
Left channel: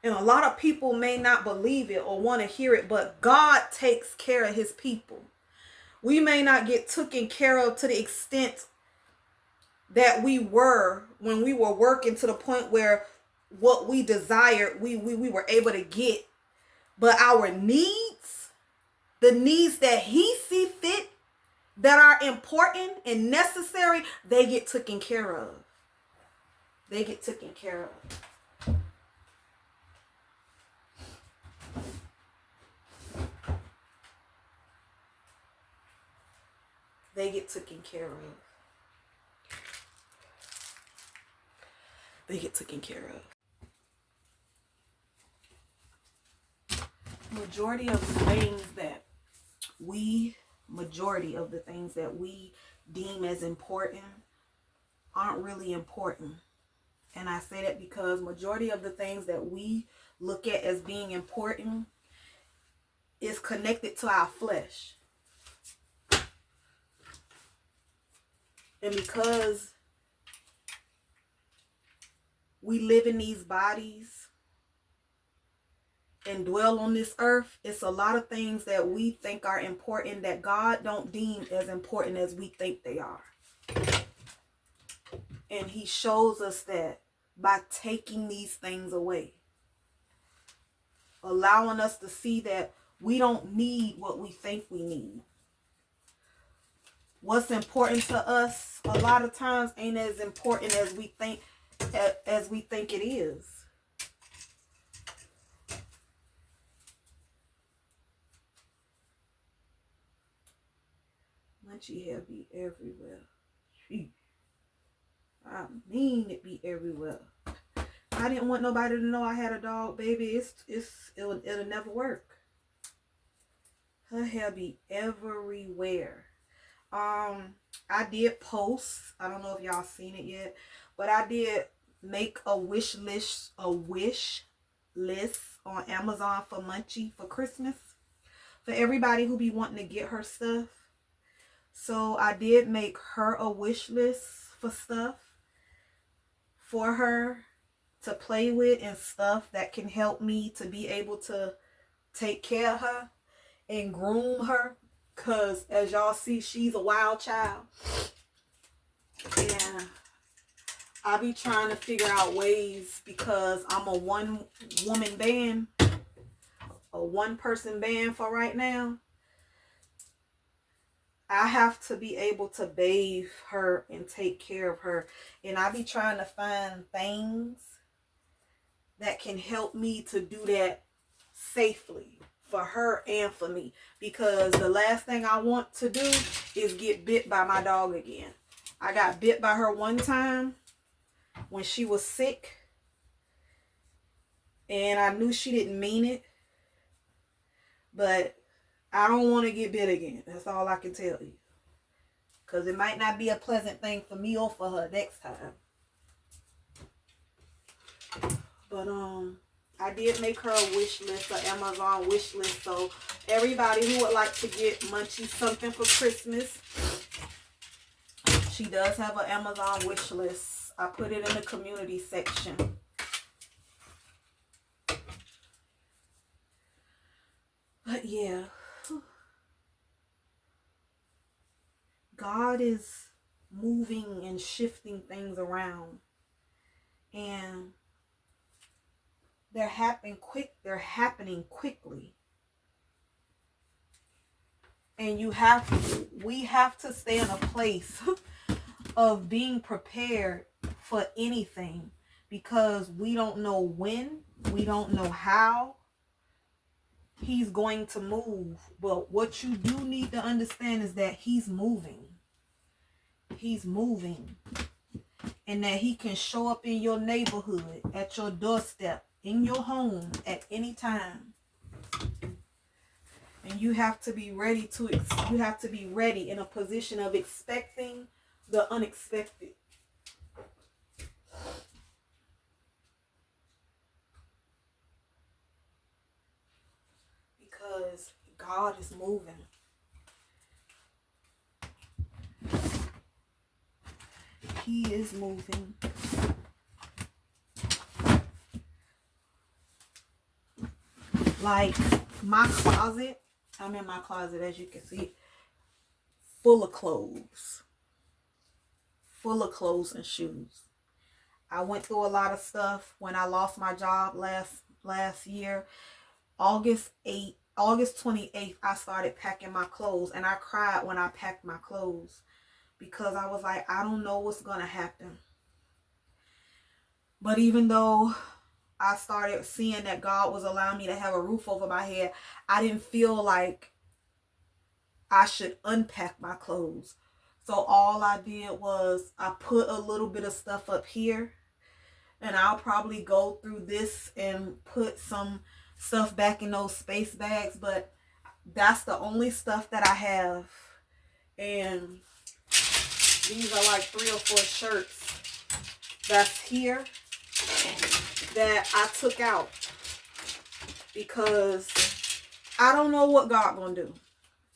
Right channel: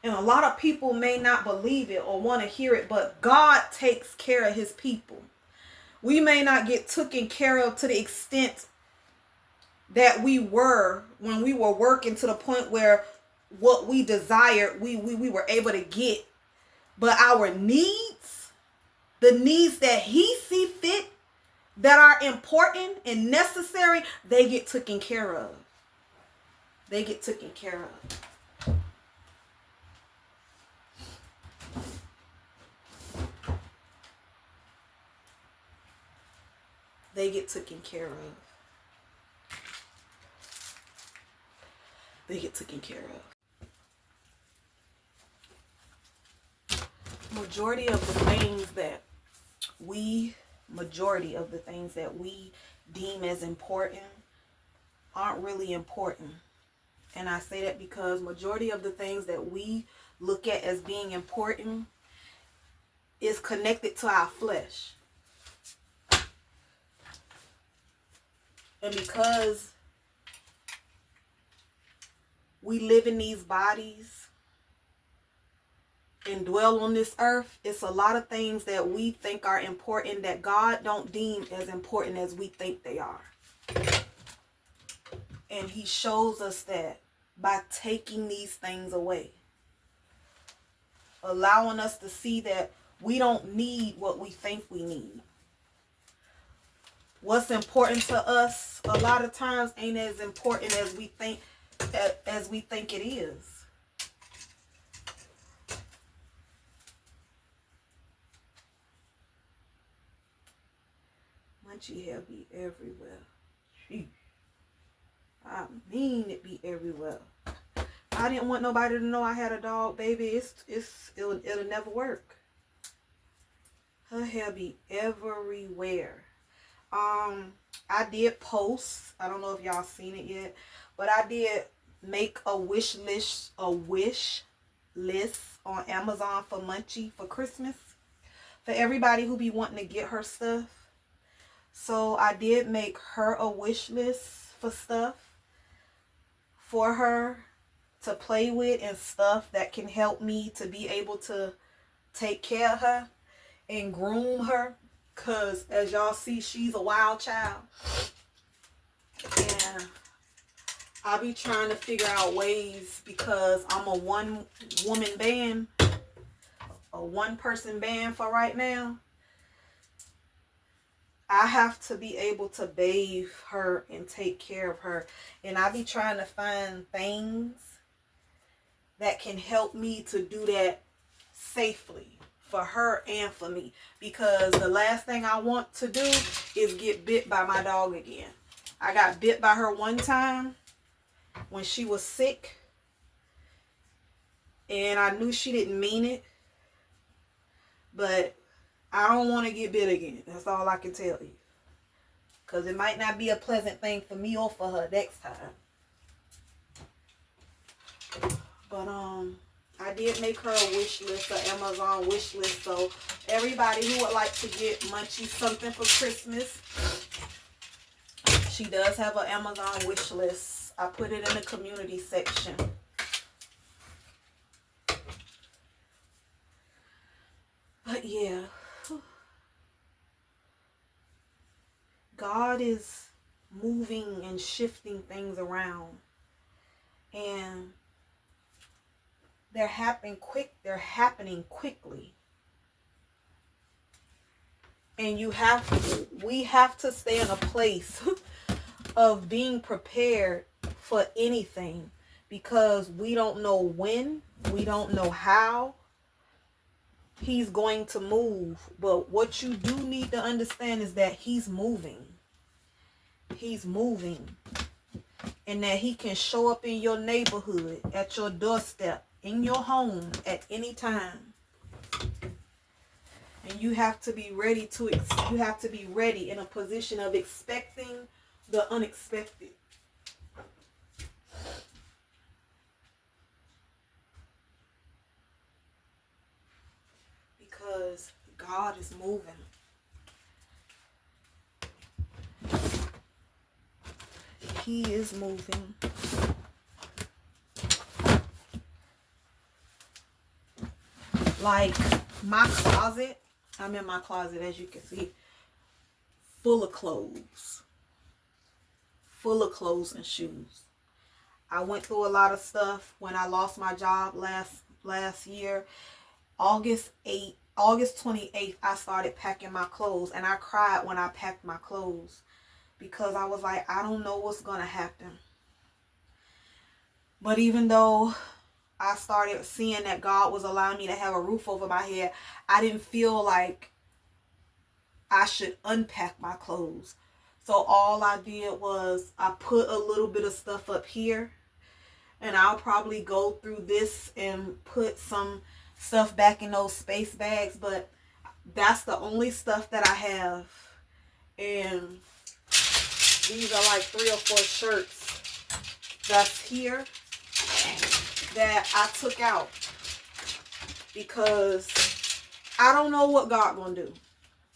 And a lot of people may not believe it or want to hear it, but God takes care of his people. We may not get taken care of to the extent that we were when we were working, to the point where what we desired, we were able to get. But our needs, the needs that he see fit, that are important and necessary, they get taken care of. They get taken care of. They get taken care of. They get taken care of. Majority of the things that we deem as important aren't really important. And I say that because majority of the things that we look at as being important is connected to our flesh. And because we live in these bodies and dwell on this earth, it's a lot of things that we think are important that God don't deem as important as we think they are. And he shows us that by taking these things away, allowing us to see that we don't need what we think we need. What's important to us a lot of times ain't as important as we think it is. Munchie hair be everywhere. Sheesh. I mean, it be everywhere. I didn't want nobody to know I had a dog, baby. It'll never work. Her hair be everywhere. I did post. I don't know if y'all seen it yet, but I did make a wish list on Amazon for Munchie for Christmas, for everybody who be wanting to get her stuff. So I did make her a wish list for stuff for her to play with, and stuff that can help me to be able to take care of her and groom her. Because as y'all see, she's a wild child. And I'll be trying to figure out ways, because I'm a one-woman band, a one-person band for right now. I have to be able to bathe her and take care of her. And I be trying to find things that can help me to do that safely for her and for me. Because the last thing I want to do is get bit by my dog again. I got bit by her one time when she was sick. And I knew she didn't mean it. But I don't want to get bit again. That's all I can tell you. Because it might not be a pleasant thing for me or for her next time. But I did make her a wish list, an Amazon wish list. So everybody who would like to get Munchies something for Christmas, she does have an Amazon wish list. I put it in the community section. But yeah, God is moving and shifting things around. And they're happening quickly. And we have to stay in a place of being prepared for anything, because we don't know when, we don't know how he's going to move. But what you do need to understand is that he's moving. He's moving. And that he can show up in your neighborhood, at your doorstep, in your home at any time. And you have to be ready in a position of expecting the unexpected. Because God is moving. He is moving. Like my closet, I'm in my closet, as you can see, full of clothes. Full of clothes and shoes. I went through a lot of stuff when I lost my job last year. August 28th, I started packing my clothes, and I cried when I packed my clothes, because I was like, I don't know what's going to happen. But even though I started seeing that God was allowing me to have a roof over my head, I didn't feel like I should unpack my clothes. So all I did was I put a little bit of stuff up here, and I'll probably go through this and put some stuff back in those space bags, but that's the only stuff that I have. And these are like 3 or 4 shirts that's here that I took out, because I don't know what God gonna do.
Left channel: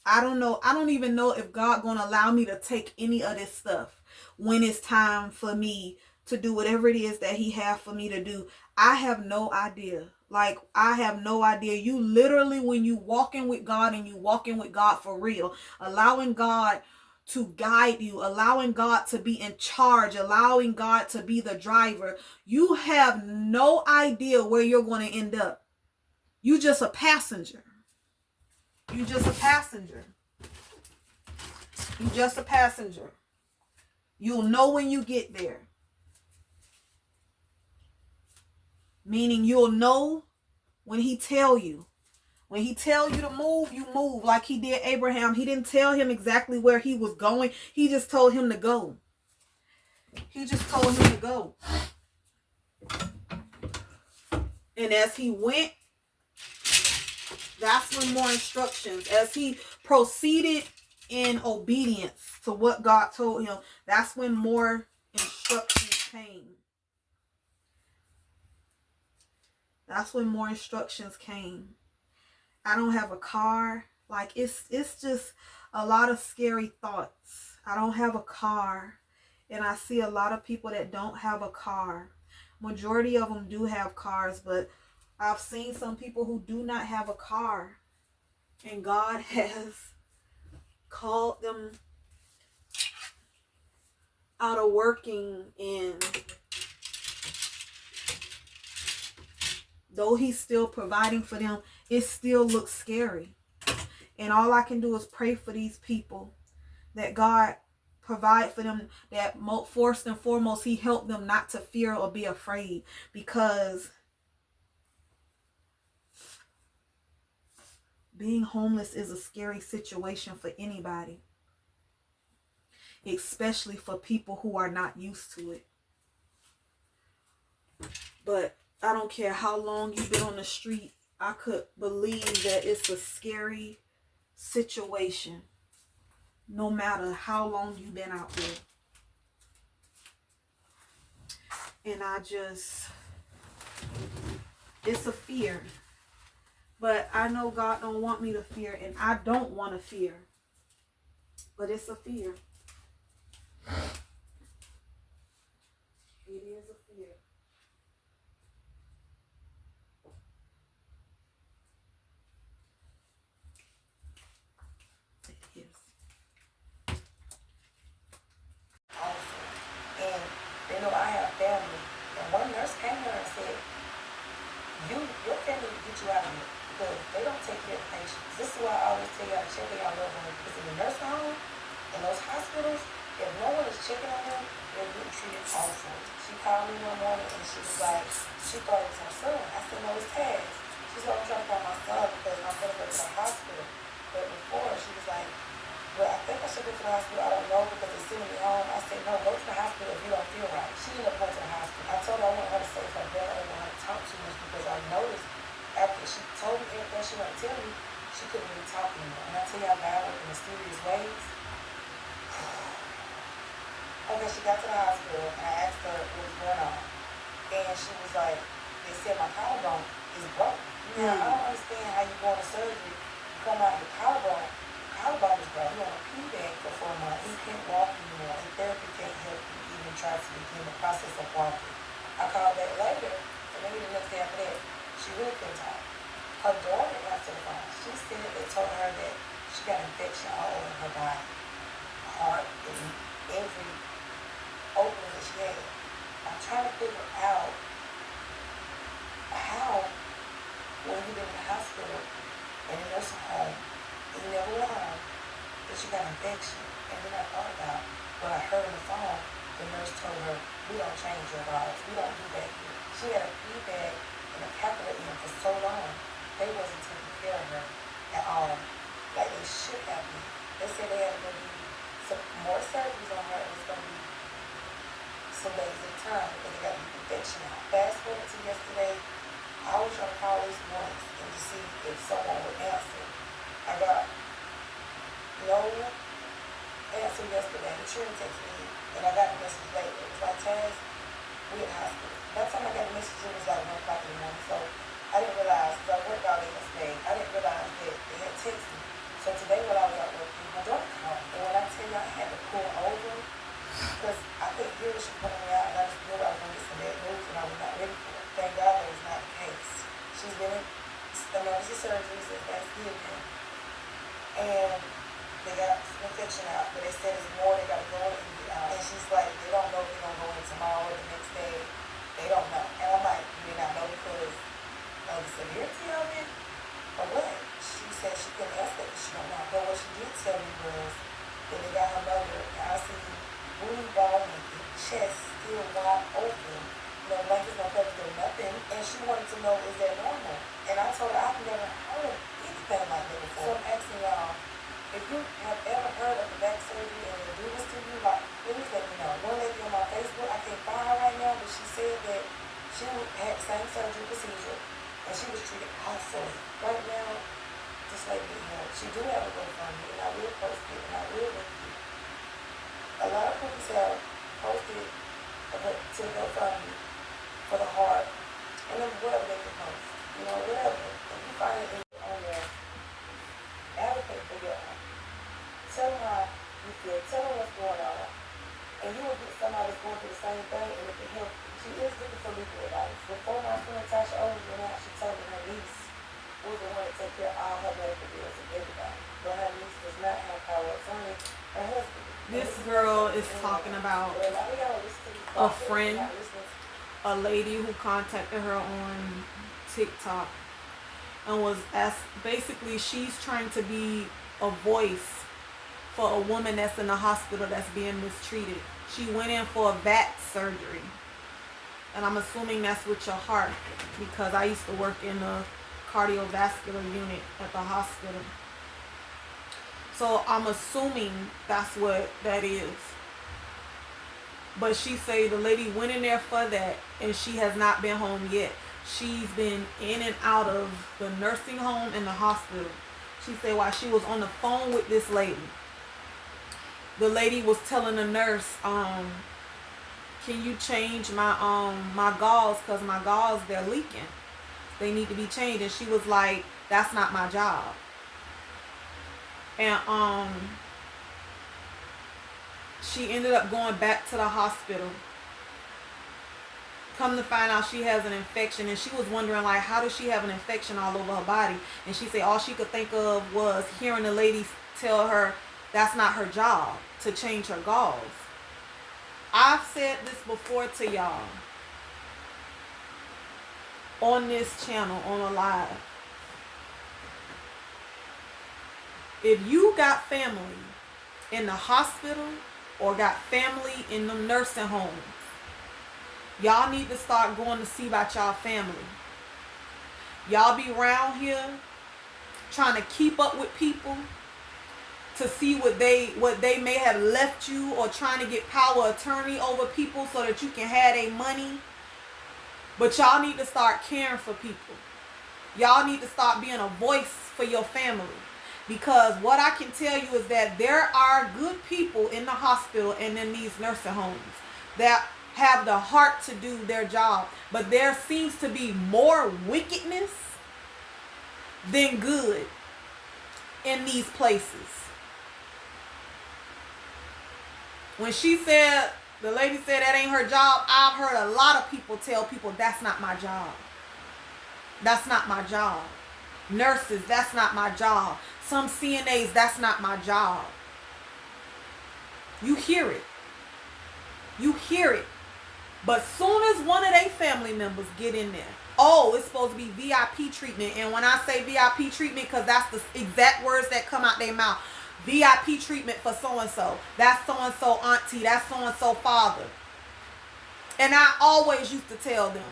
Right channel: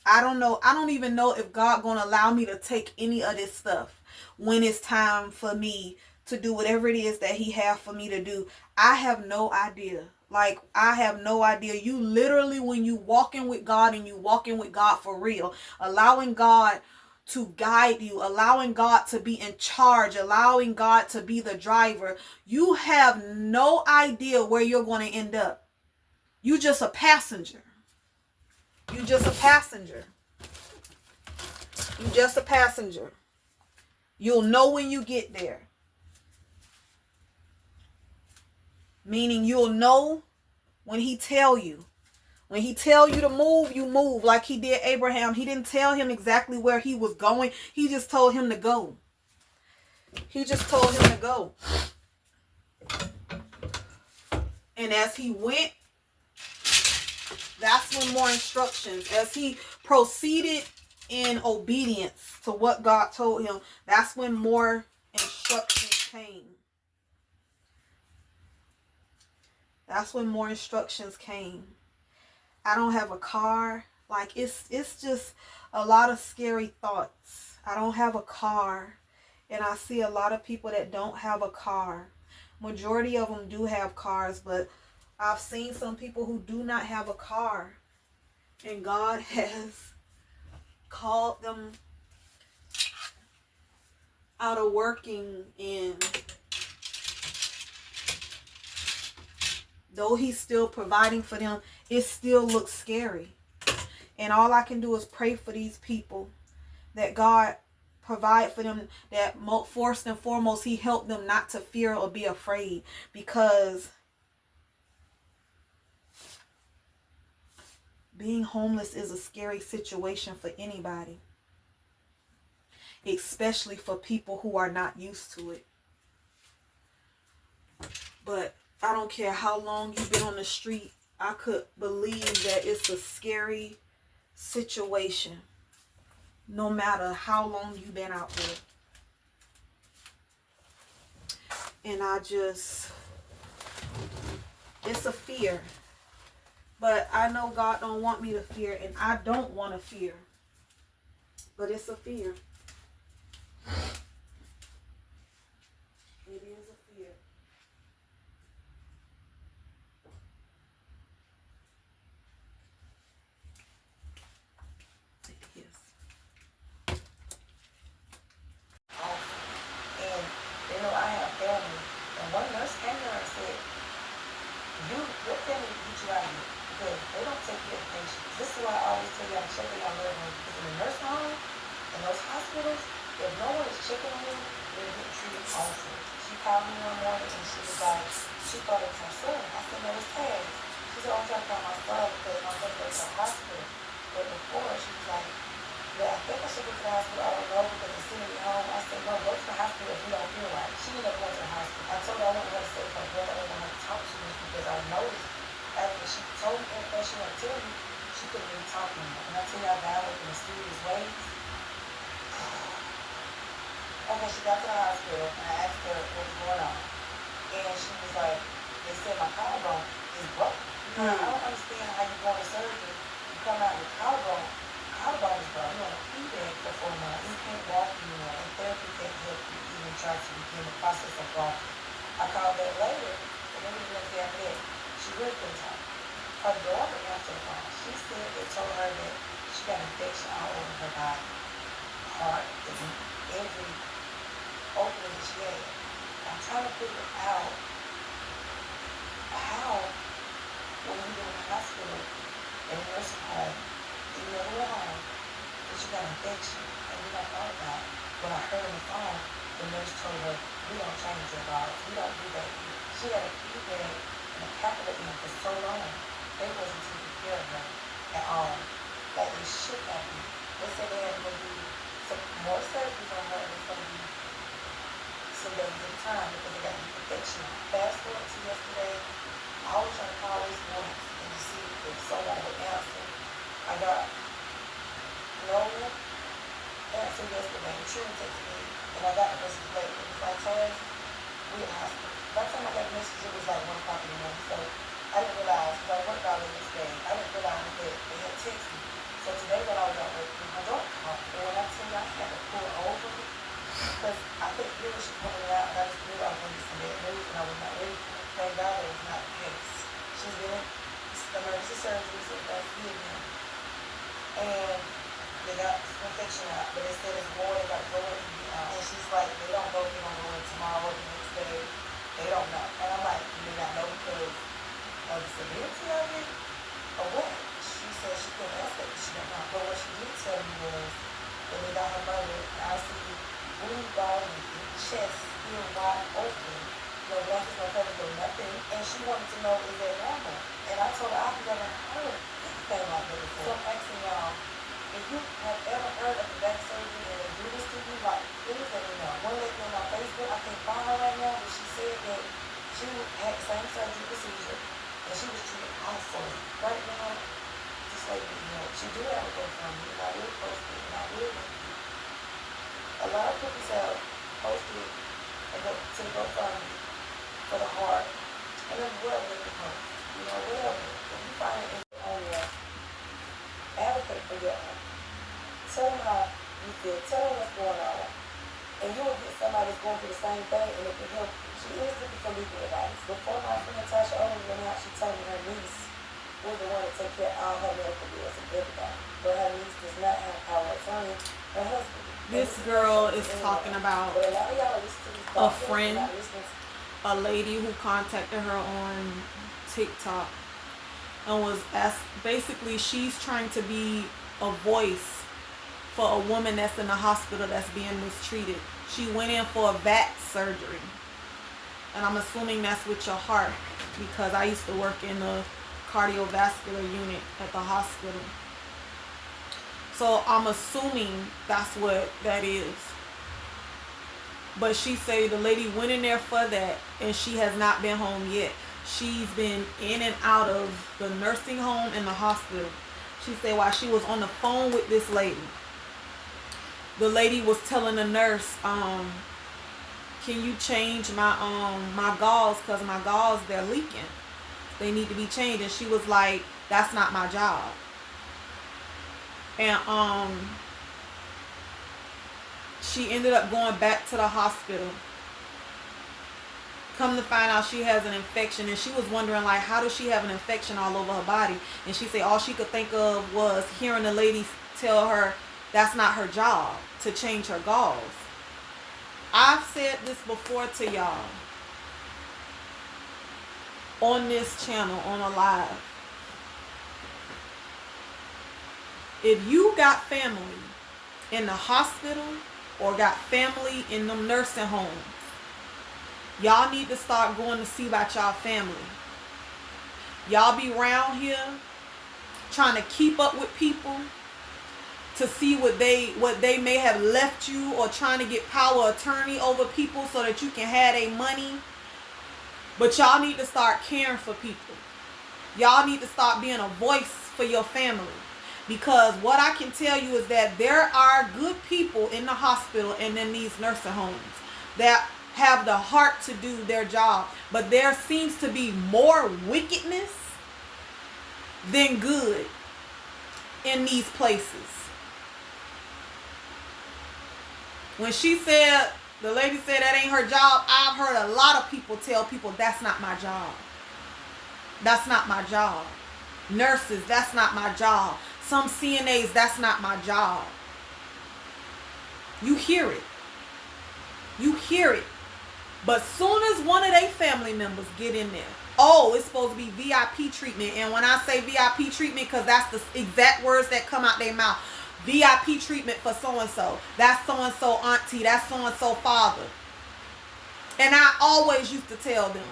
I don't know. I don't even know if God gonna allow me to take any of this stuff when it's time for me to do whatever it is that he have for me to do. I have no idea. Like, I have no idea. You literally, when you walking with God, and you walking with God for real, allowing God to guide you, allowing God to be in charge, allowing God to be the driver, you have no idea where you're going to end up. You just a passenger. You just a passenger. You just a passenger. You'll know when you get there. Meaning you'll know when he tell you. When he tell you to move, you move, like he did Abraham. He didn't tell him exactly where he was going. He just told him to go. He just told him to go. And as he went, that's when more instructions, as he proceeded in obedience to what God told him, that's when more instructions came. That's when more instructions came. I don't have a car. Like, it's just a lot of scary thoughts. I don't have a car. And I see a lot of people that don't have a car. Majority of them do have cars, but I've seen some people who do not have a car. And God has called them out of working, and though he's still providing for them, it still looks scary. And all I can do is pray for these people, that God provide for them, that first and foremost, he helped them not to fear or be afraid, because being homeless is a scary situation for anybody, especially for people who are not used to it. But I don't care how long you've been on the street. I could believe that it's a scary situation, no matter how long you've been out there. And it's a fear. But I know God don't want me to fear, and I don't want to fear. But it's a fear. It is a fear. It is. Awesome. And you know, I had a family, and one nurse came to her and said, your family will get you out of here because they don't take care of patients. This is why I always tell y'all check on y'all loved ones, because in the nursing home and those hospitals, if no one is checking on them, they're getting treated awful. She called me one morning and she was like, she thought it was her son. I said, no, it's Taz. She said, I'm trying to call my son because I'm going to go to the hospital. But before, she was like, well, I think I should go to the hospital. I don't know because they're sending me home. I said, no, go to the hospital if you don't feel right. She ended up going to the hospital. I told her I wanted her to stay with her brother. I didn't want her to talk too much because I noticed after she told me everything she wanted to tell me, she couldn't really talk anymore. And I tell you, I got her in mysterious ways. Okay, she got to the hospital and I asked her what was going on. And she was like, they said my collarbone is broken. I don't understand how you go into surgery, you come out with collarbone is broken. You're on a pee bag for 4 months. You can't walk anymore. And therapy can't help you even try to begin the process of walking. I called back later, and maybe the next day after that, she really couldn't talk. Her daughter answered the phone. She said they told her that she got an infection all over her body, heart, and every opening that she had. I'm trying to figure out how, when you've been in the hospital, in a nursing home, and you never went home, that you got an infection. And then I thought about what I heard on the phone. The nurse told her, we don't change your bodies. We don't do that here. She had a feedback and a capital in for so long. They wasn't taking care of her at all. Like they should have been. They said they had to do some more surgeries on her and it's going to be some days at a time because they got an infection. Fast forward to yesterday, I was trying to call this morning and to see if someone would answer. I got no answer yesterday. The children texted me and I got a message later. It was like, Taz, we in the hospital. By the time I got a message, it was like 1 o'clock in the morning. So I didn't realize, because I worked all day yesterday, I didn't realize that they had texted me. So today when I was at work, my daughter called. And when I tell you I had to pull over, because I couldn't hear what she was coming out, and I just knew I was going to get some bad news, and I was not ready for it. Thank God that was not the case. She's been in emergency surgery since Thanksgiving. And they got some infection out, but they said it's more, they got to go in and be out. And she's like, they don't know if they're going to go in tomorrow or the next day. They don't know. And I'm like, you may not know because of the severity of it or what? She said she couldn't ask that because she don't know. But what she did tell me was that they got her mother, I see blue ball and chest still wide open. No blankets, no covers, no nothing. And she wanted to know, is that normal? And I told her I've never heard anything like that before. So I'm asking y'all, if you have ever heard of back surgery and they do this to you, like, please let me know. One lady on my Facebook, I can't find her right now, but she said that she had the same surgery procedure and she was treated awful. Right now, just like, you know, she do have a GoFundMe and I will post it and I will link it. A lot of people have posted to GoFundMe for the heart and then whatever they can post. You know, whatever. If you find it on your advocate for your own. Tell them how you feel. Tell them what's going on. And you will get somebody that's going through the same thing and it can help you. She is looking for legal advice. Before my friend Tasha Owens went out, she told me her niece was the one to take care of all her medical bills and everything. But her niece does not have power of attorney. Her husband. This girl is talking about a friend, a lady who contacted her on TikTok and was asked, basically she's trying to be a voice for a woman that's in the hospital that's being mistreated. She went in for a VAT surgery. And I'm assuming that's with your heart because I used to work in the cardiovascular unit at the hospital. So I'm assuming that's what that is. But she say the lady went in there for that and she has not been home yet. She's been in and out of the nursing home and the hospital. She said while she was on the phone with this lady, the lady was telling the nurse, can you change my gauze, because my gauze, they're leaking. They need to be changed. And she was like, that's not my job. And she ended up going back to the hospital. Come to find out she has an infection, and she was wondering, like, how does she have an infection all over her body? And she said all she could think of was hearing the lady tell her that's not her job to change her gauze. I've said this before to y'all on this channel, on a live. If you got family in the hospital or got family in them nursing homes, y'all need to start going to see about y'all family. Y'all be around here trying to keep up with people to see what they may have left you, or trying to get power of attorney over people so that you can have their money. But y'all need to start caring for people. Y'all need to start being a voice for your family. Because what I can tell you is that there are good people in the hospital and in these nursing homes that have the heart to do their job. But there seems to be more wickedness than good in these places. When she said, the lady said that ain't her job, I've heard a lot of people tell people that's not my job. That's not my job. Nurses, that's not my job. Some CNAs, that's not my job. You hear it. You hear it. But soon as one of their family members get in there, oh, it's supposed to be VIP treatment. And when I say VIP treatment, because that's the exact words that come out their mouth. VIP treatment for so-and-so. That's so-and-so auntie. That's so-and-so father. And I always used to tell them,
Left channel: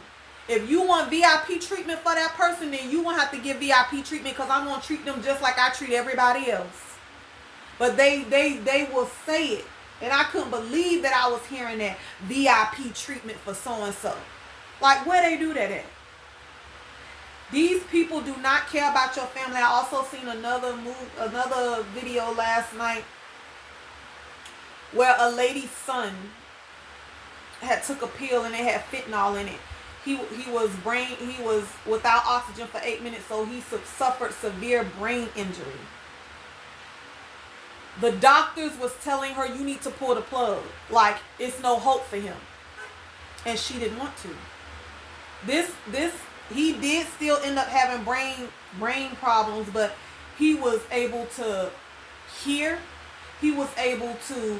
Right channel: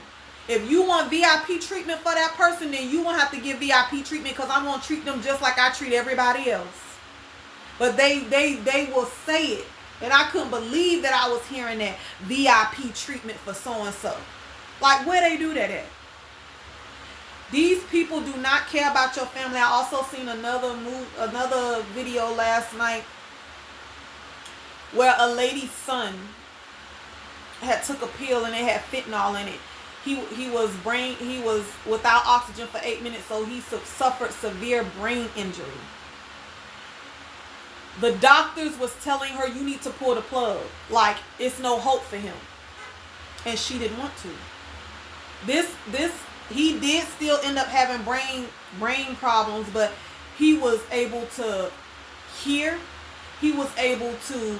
if you want VIP treatment for that person, then you won't have to give VIP treatment, because I'm going to treat them just like I treat everybody else. But they will say it. And I couldn't believe that I was hearing that VIP treatment for so-and-so. Like, where they do that at? These people do not care about your family. I also seen another video last night where a lady's son had took a pill and it had fentanyl in it. He was without oxygen for 8 minutes, so he suffered severe brain injury. The doctors was telling her, you need to pull the plug. Like, it's no hope for him. And she didn't want to. He did still end up having brain problems, but he was able to hear. He was able to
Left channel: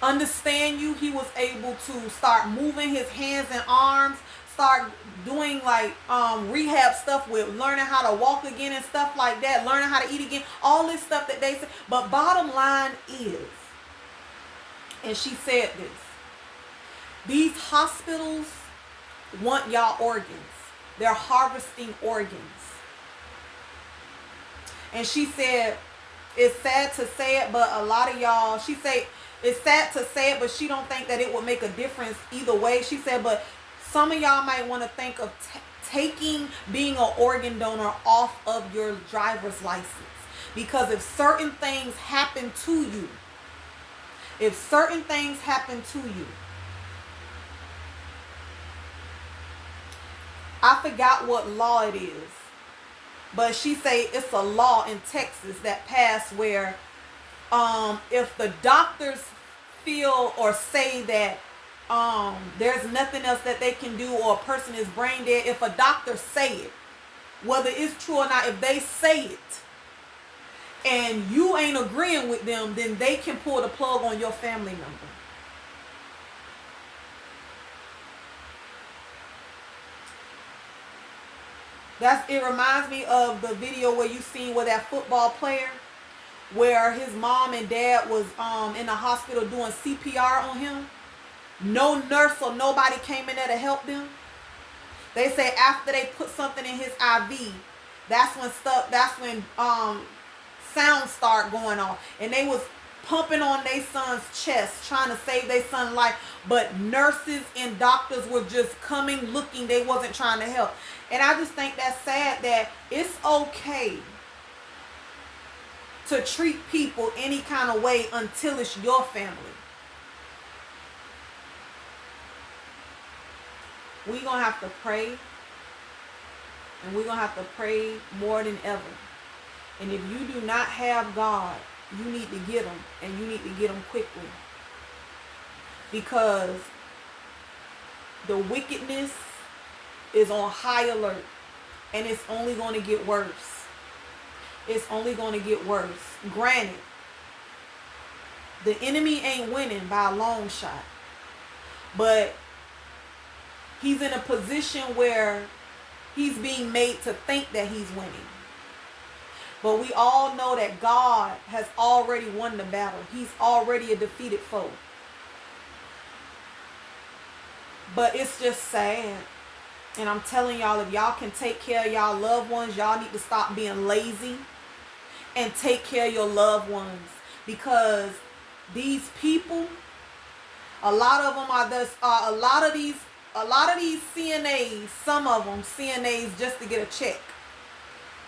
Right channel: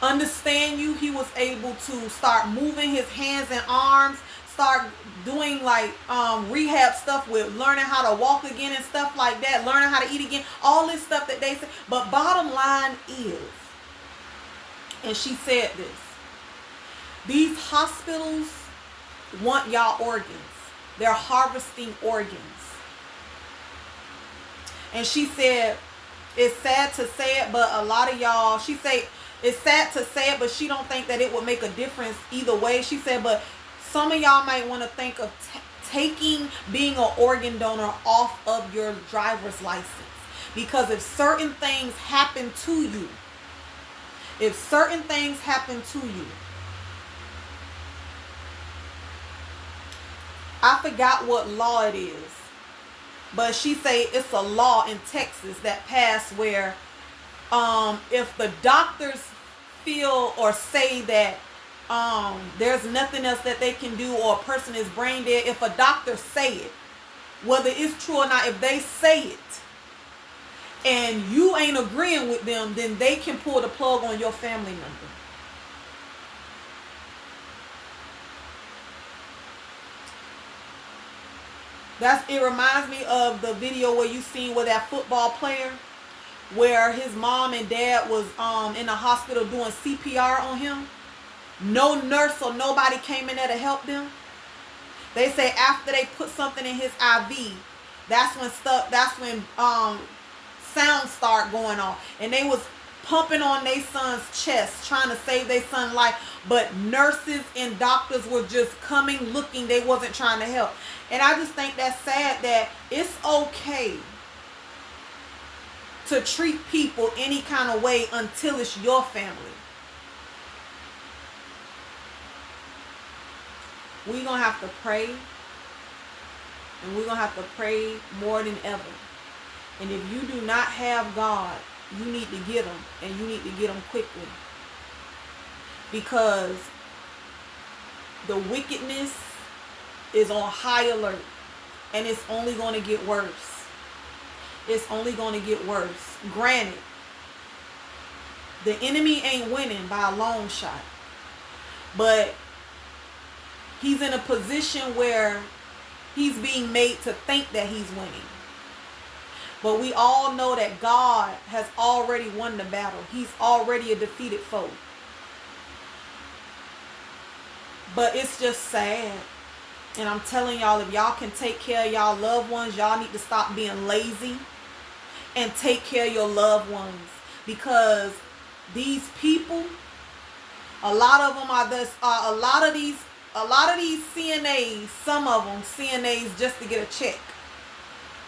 understand you. He was able to start moving his hands and arms, start doing like rehab stuff with learning how to walk again and stuff like that, learning how to eat again, all this stuff that they say. But bottom line is, and she said this, these hospitals want y'all organs. They're harvesting organs. And she said, it's sad to say it, but a lot of y'all, she said, it's sad to say it, but she don't think that it would make a difference either way. She said, but some of y'all might want to think of taking being an organ donor off of your driver's license. Because if certain things happen to you, I forgot what law it is, but she say it's a law in Texas that passed where if the doctors feel or say that there's nothing else that they can do, or a person is brain dead, if a doctor say it, whether it's true or not, if they say it and you ain't agreeing with them, then they can pull the plug on your family member. It reminds me of the video where you seen where that football player, where his mom and dad was in the hospital doing CPR on him. No nurse or nobody came in there to help them. They say after they put something in his IV, that's when sound start going on. And they was pumping on their son's chest, trying to save their son's life. But nurses and doctors were just coming, looking. They wasn't trying to help. And I just think that's sad that it's okay to treat people any kind of way until it's your family. We're going to have to pray. And we're going to have to pray more than ever. And if you do not have God, you need to get him. And you need to get him quickly. Because the wickedness is on high alert. And it's only going to get worse. It's only going to get worse. Granted, the enemy ain't winning by a long shot. But he's in a position where he's being made to think that he's winning. But we all know that God has already won the battle. He's already a defeated foe. But it's just sad. And I'm telling y'all, if y'all can take care of y'all loved ones, y'all need to stop being lazy and take care of your loved ones. Because these people, a lot of them are this, a lot of these CNAs, some of them CNAs just to get a check.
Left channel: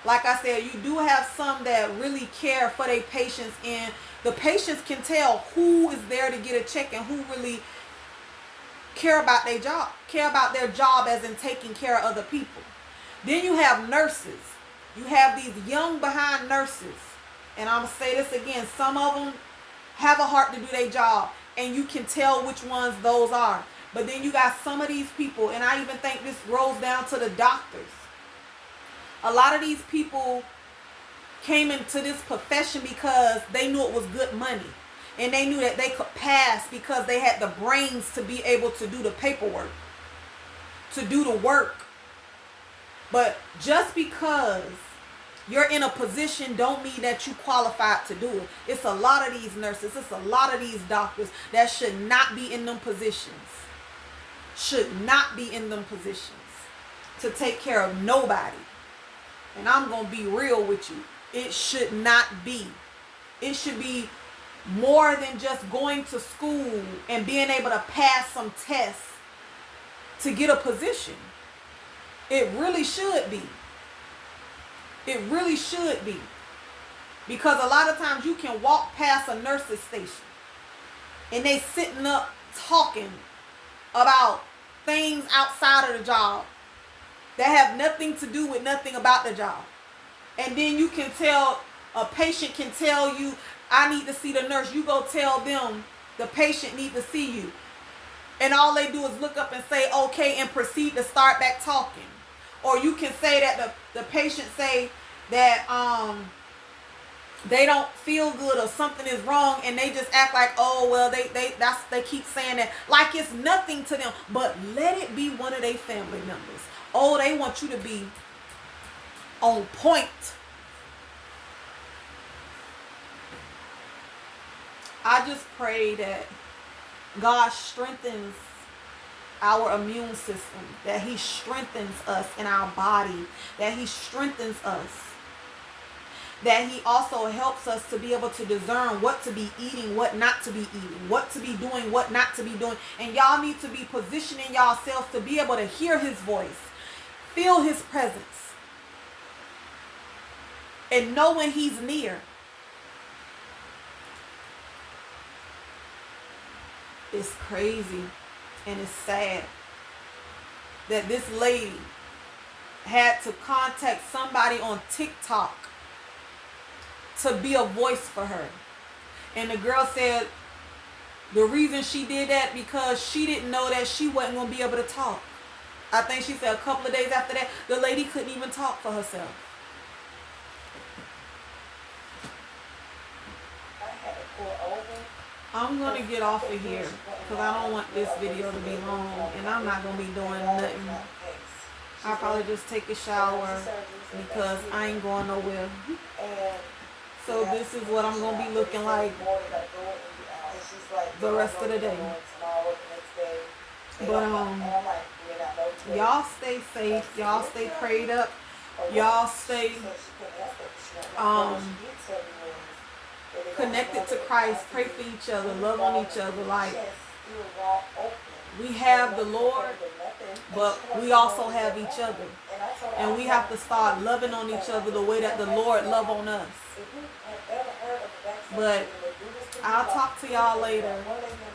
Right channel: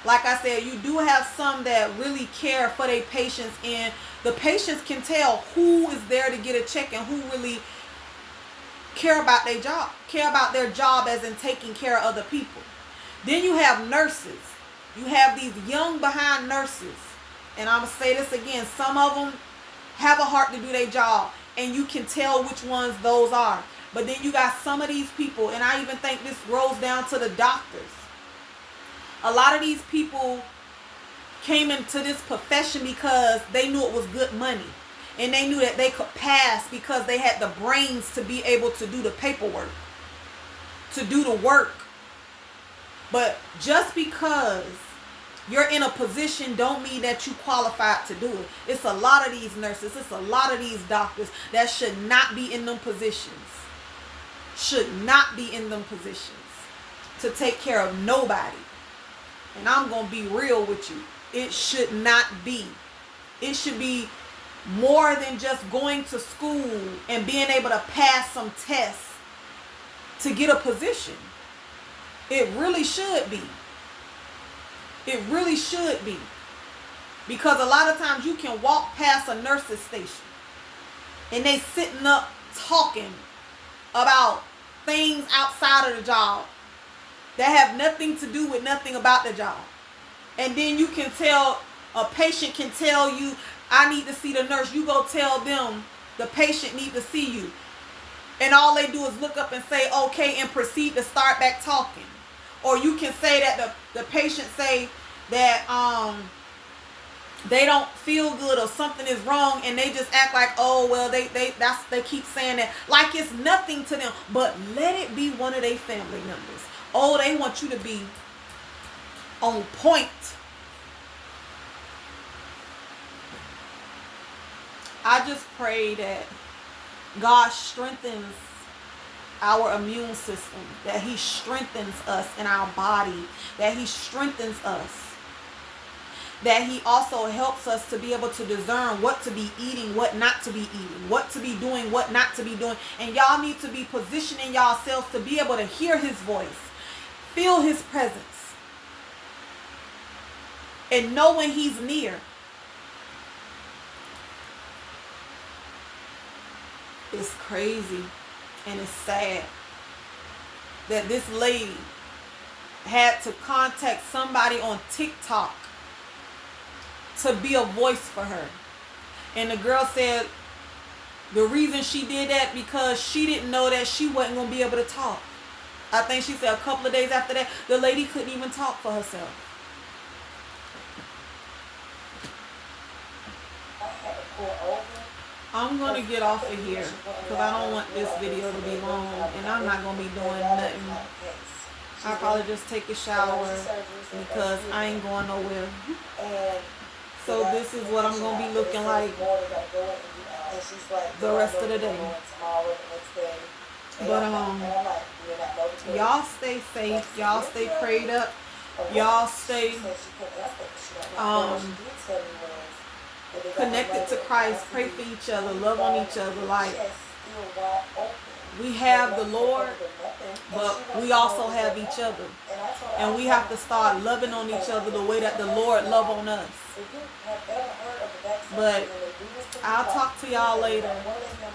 Like I said, you do have some that really care for their patients, and the patients can tell who is there to get a check and who really care about their job as in taking care of other people. Then you have nurses. You have these young behind nurses. And I'm going to say this again. Some of them have a heart to do their job, and you can tell which ones those are. But then you got some of these people, and I even think this rolls down to the doctors. A lot of these people came into this profession because they knew it was good money. And they knew that they could pass because they had the brains to be able to do the paperwork, to do the work. But just because you're in a position don't mean that you qualified to do it. It's a lot of these nurses, it's a lot of these doctors that should not be in them positions. Should not be in them positions to take care of nobody. And I'm going to be real with you. It should not be. It should be more than just going to school and being able to pass some tests to get a position. It really should be. It really should be. Because a lot of times you can walk past a nurse's station and they sitting up talking about things outside of the job that have nothing to do with nothing about the job. And then you can tell, a patient can tell you, I need to see the nurse. You go tell them the patient need to see you. And all they do is look up and say, okay, and proceed to start back talking. Or you can say that the patient say that they don't feel good or something is wrong, and they just act like, oh, well, they keep saying that like it's nothing to them. But let it be one of their family members. Oh, they want you to be on point. I just pray that God strengthens our immune system, that he strengthens us in our body, that he strengthens us, that he also helps us to be able to discern what to be eating, what not to be eating, what to be doing, what not to be doing. And y'all need to be positioning yourselves to be able to hear his voice, feel his presence, and know when he's near. It's crazy and it's sad that this lady had to contact somebody on TikTok to be a voice for her. And the girl said the reason she did that because she didn't know that she wasn't going to be able to talk. I think she said a couple of days after that, the lady couldn't even talk for herself. I'm going to get off of here because I don't want this video to be long, and I'm not going to be doing nothing. I'll probably just take a shower because I ain't going nowhere. So this is what I'm going to be looking like the rest of the day. But y'all stay safe. Y'all stay prayed up. Y'all stay connected to Christ, pray for each other, love on each other. Like, chest still wide open. we have the Nothing covered Lord, or nothing. And but she we wants to also know, is have there each nothing? other. And I told her, And I we was have like, to start loving on each other the way that the Lord love on us. if you have ever heard of the backstage But and they do this to you, I'll like, talk to y'all later. one lady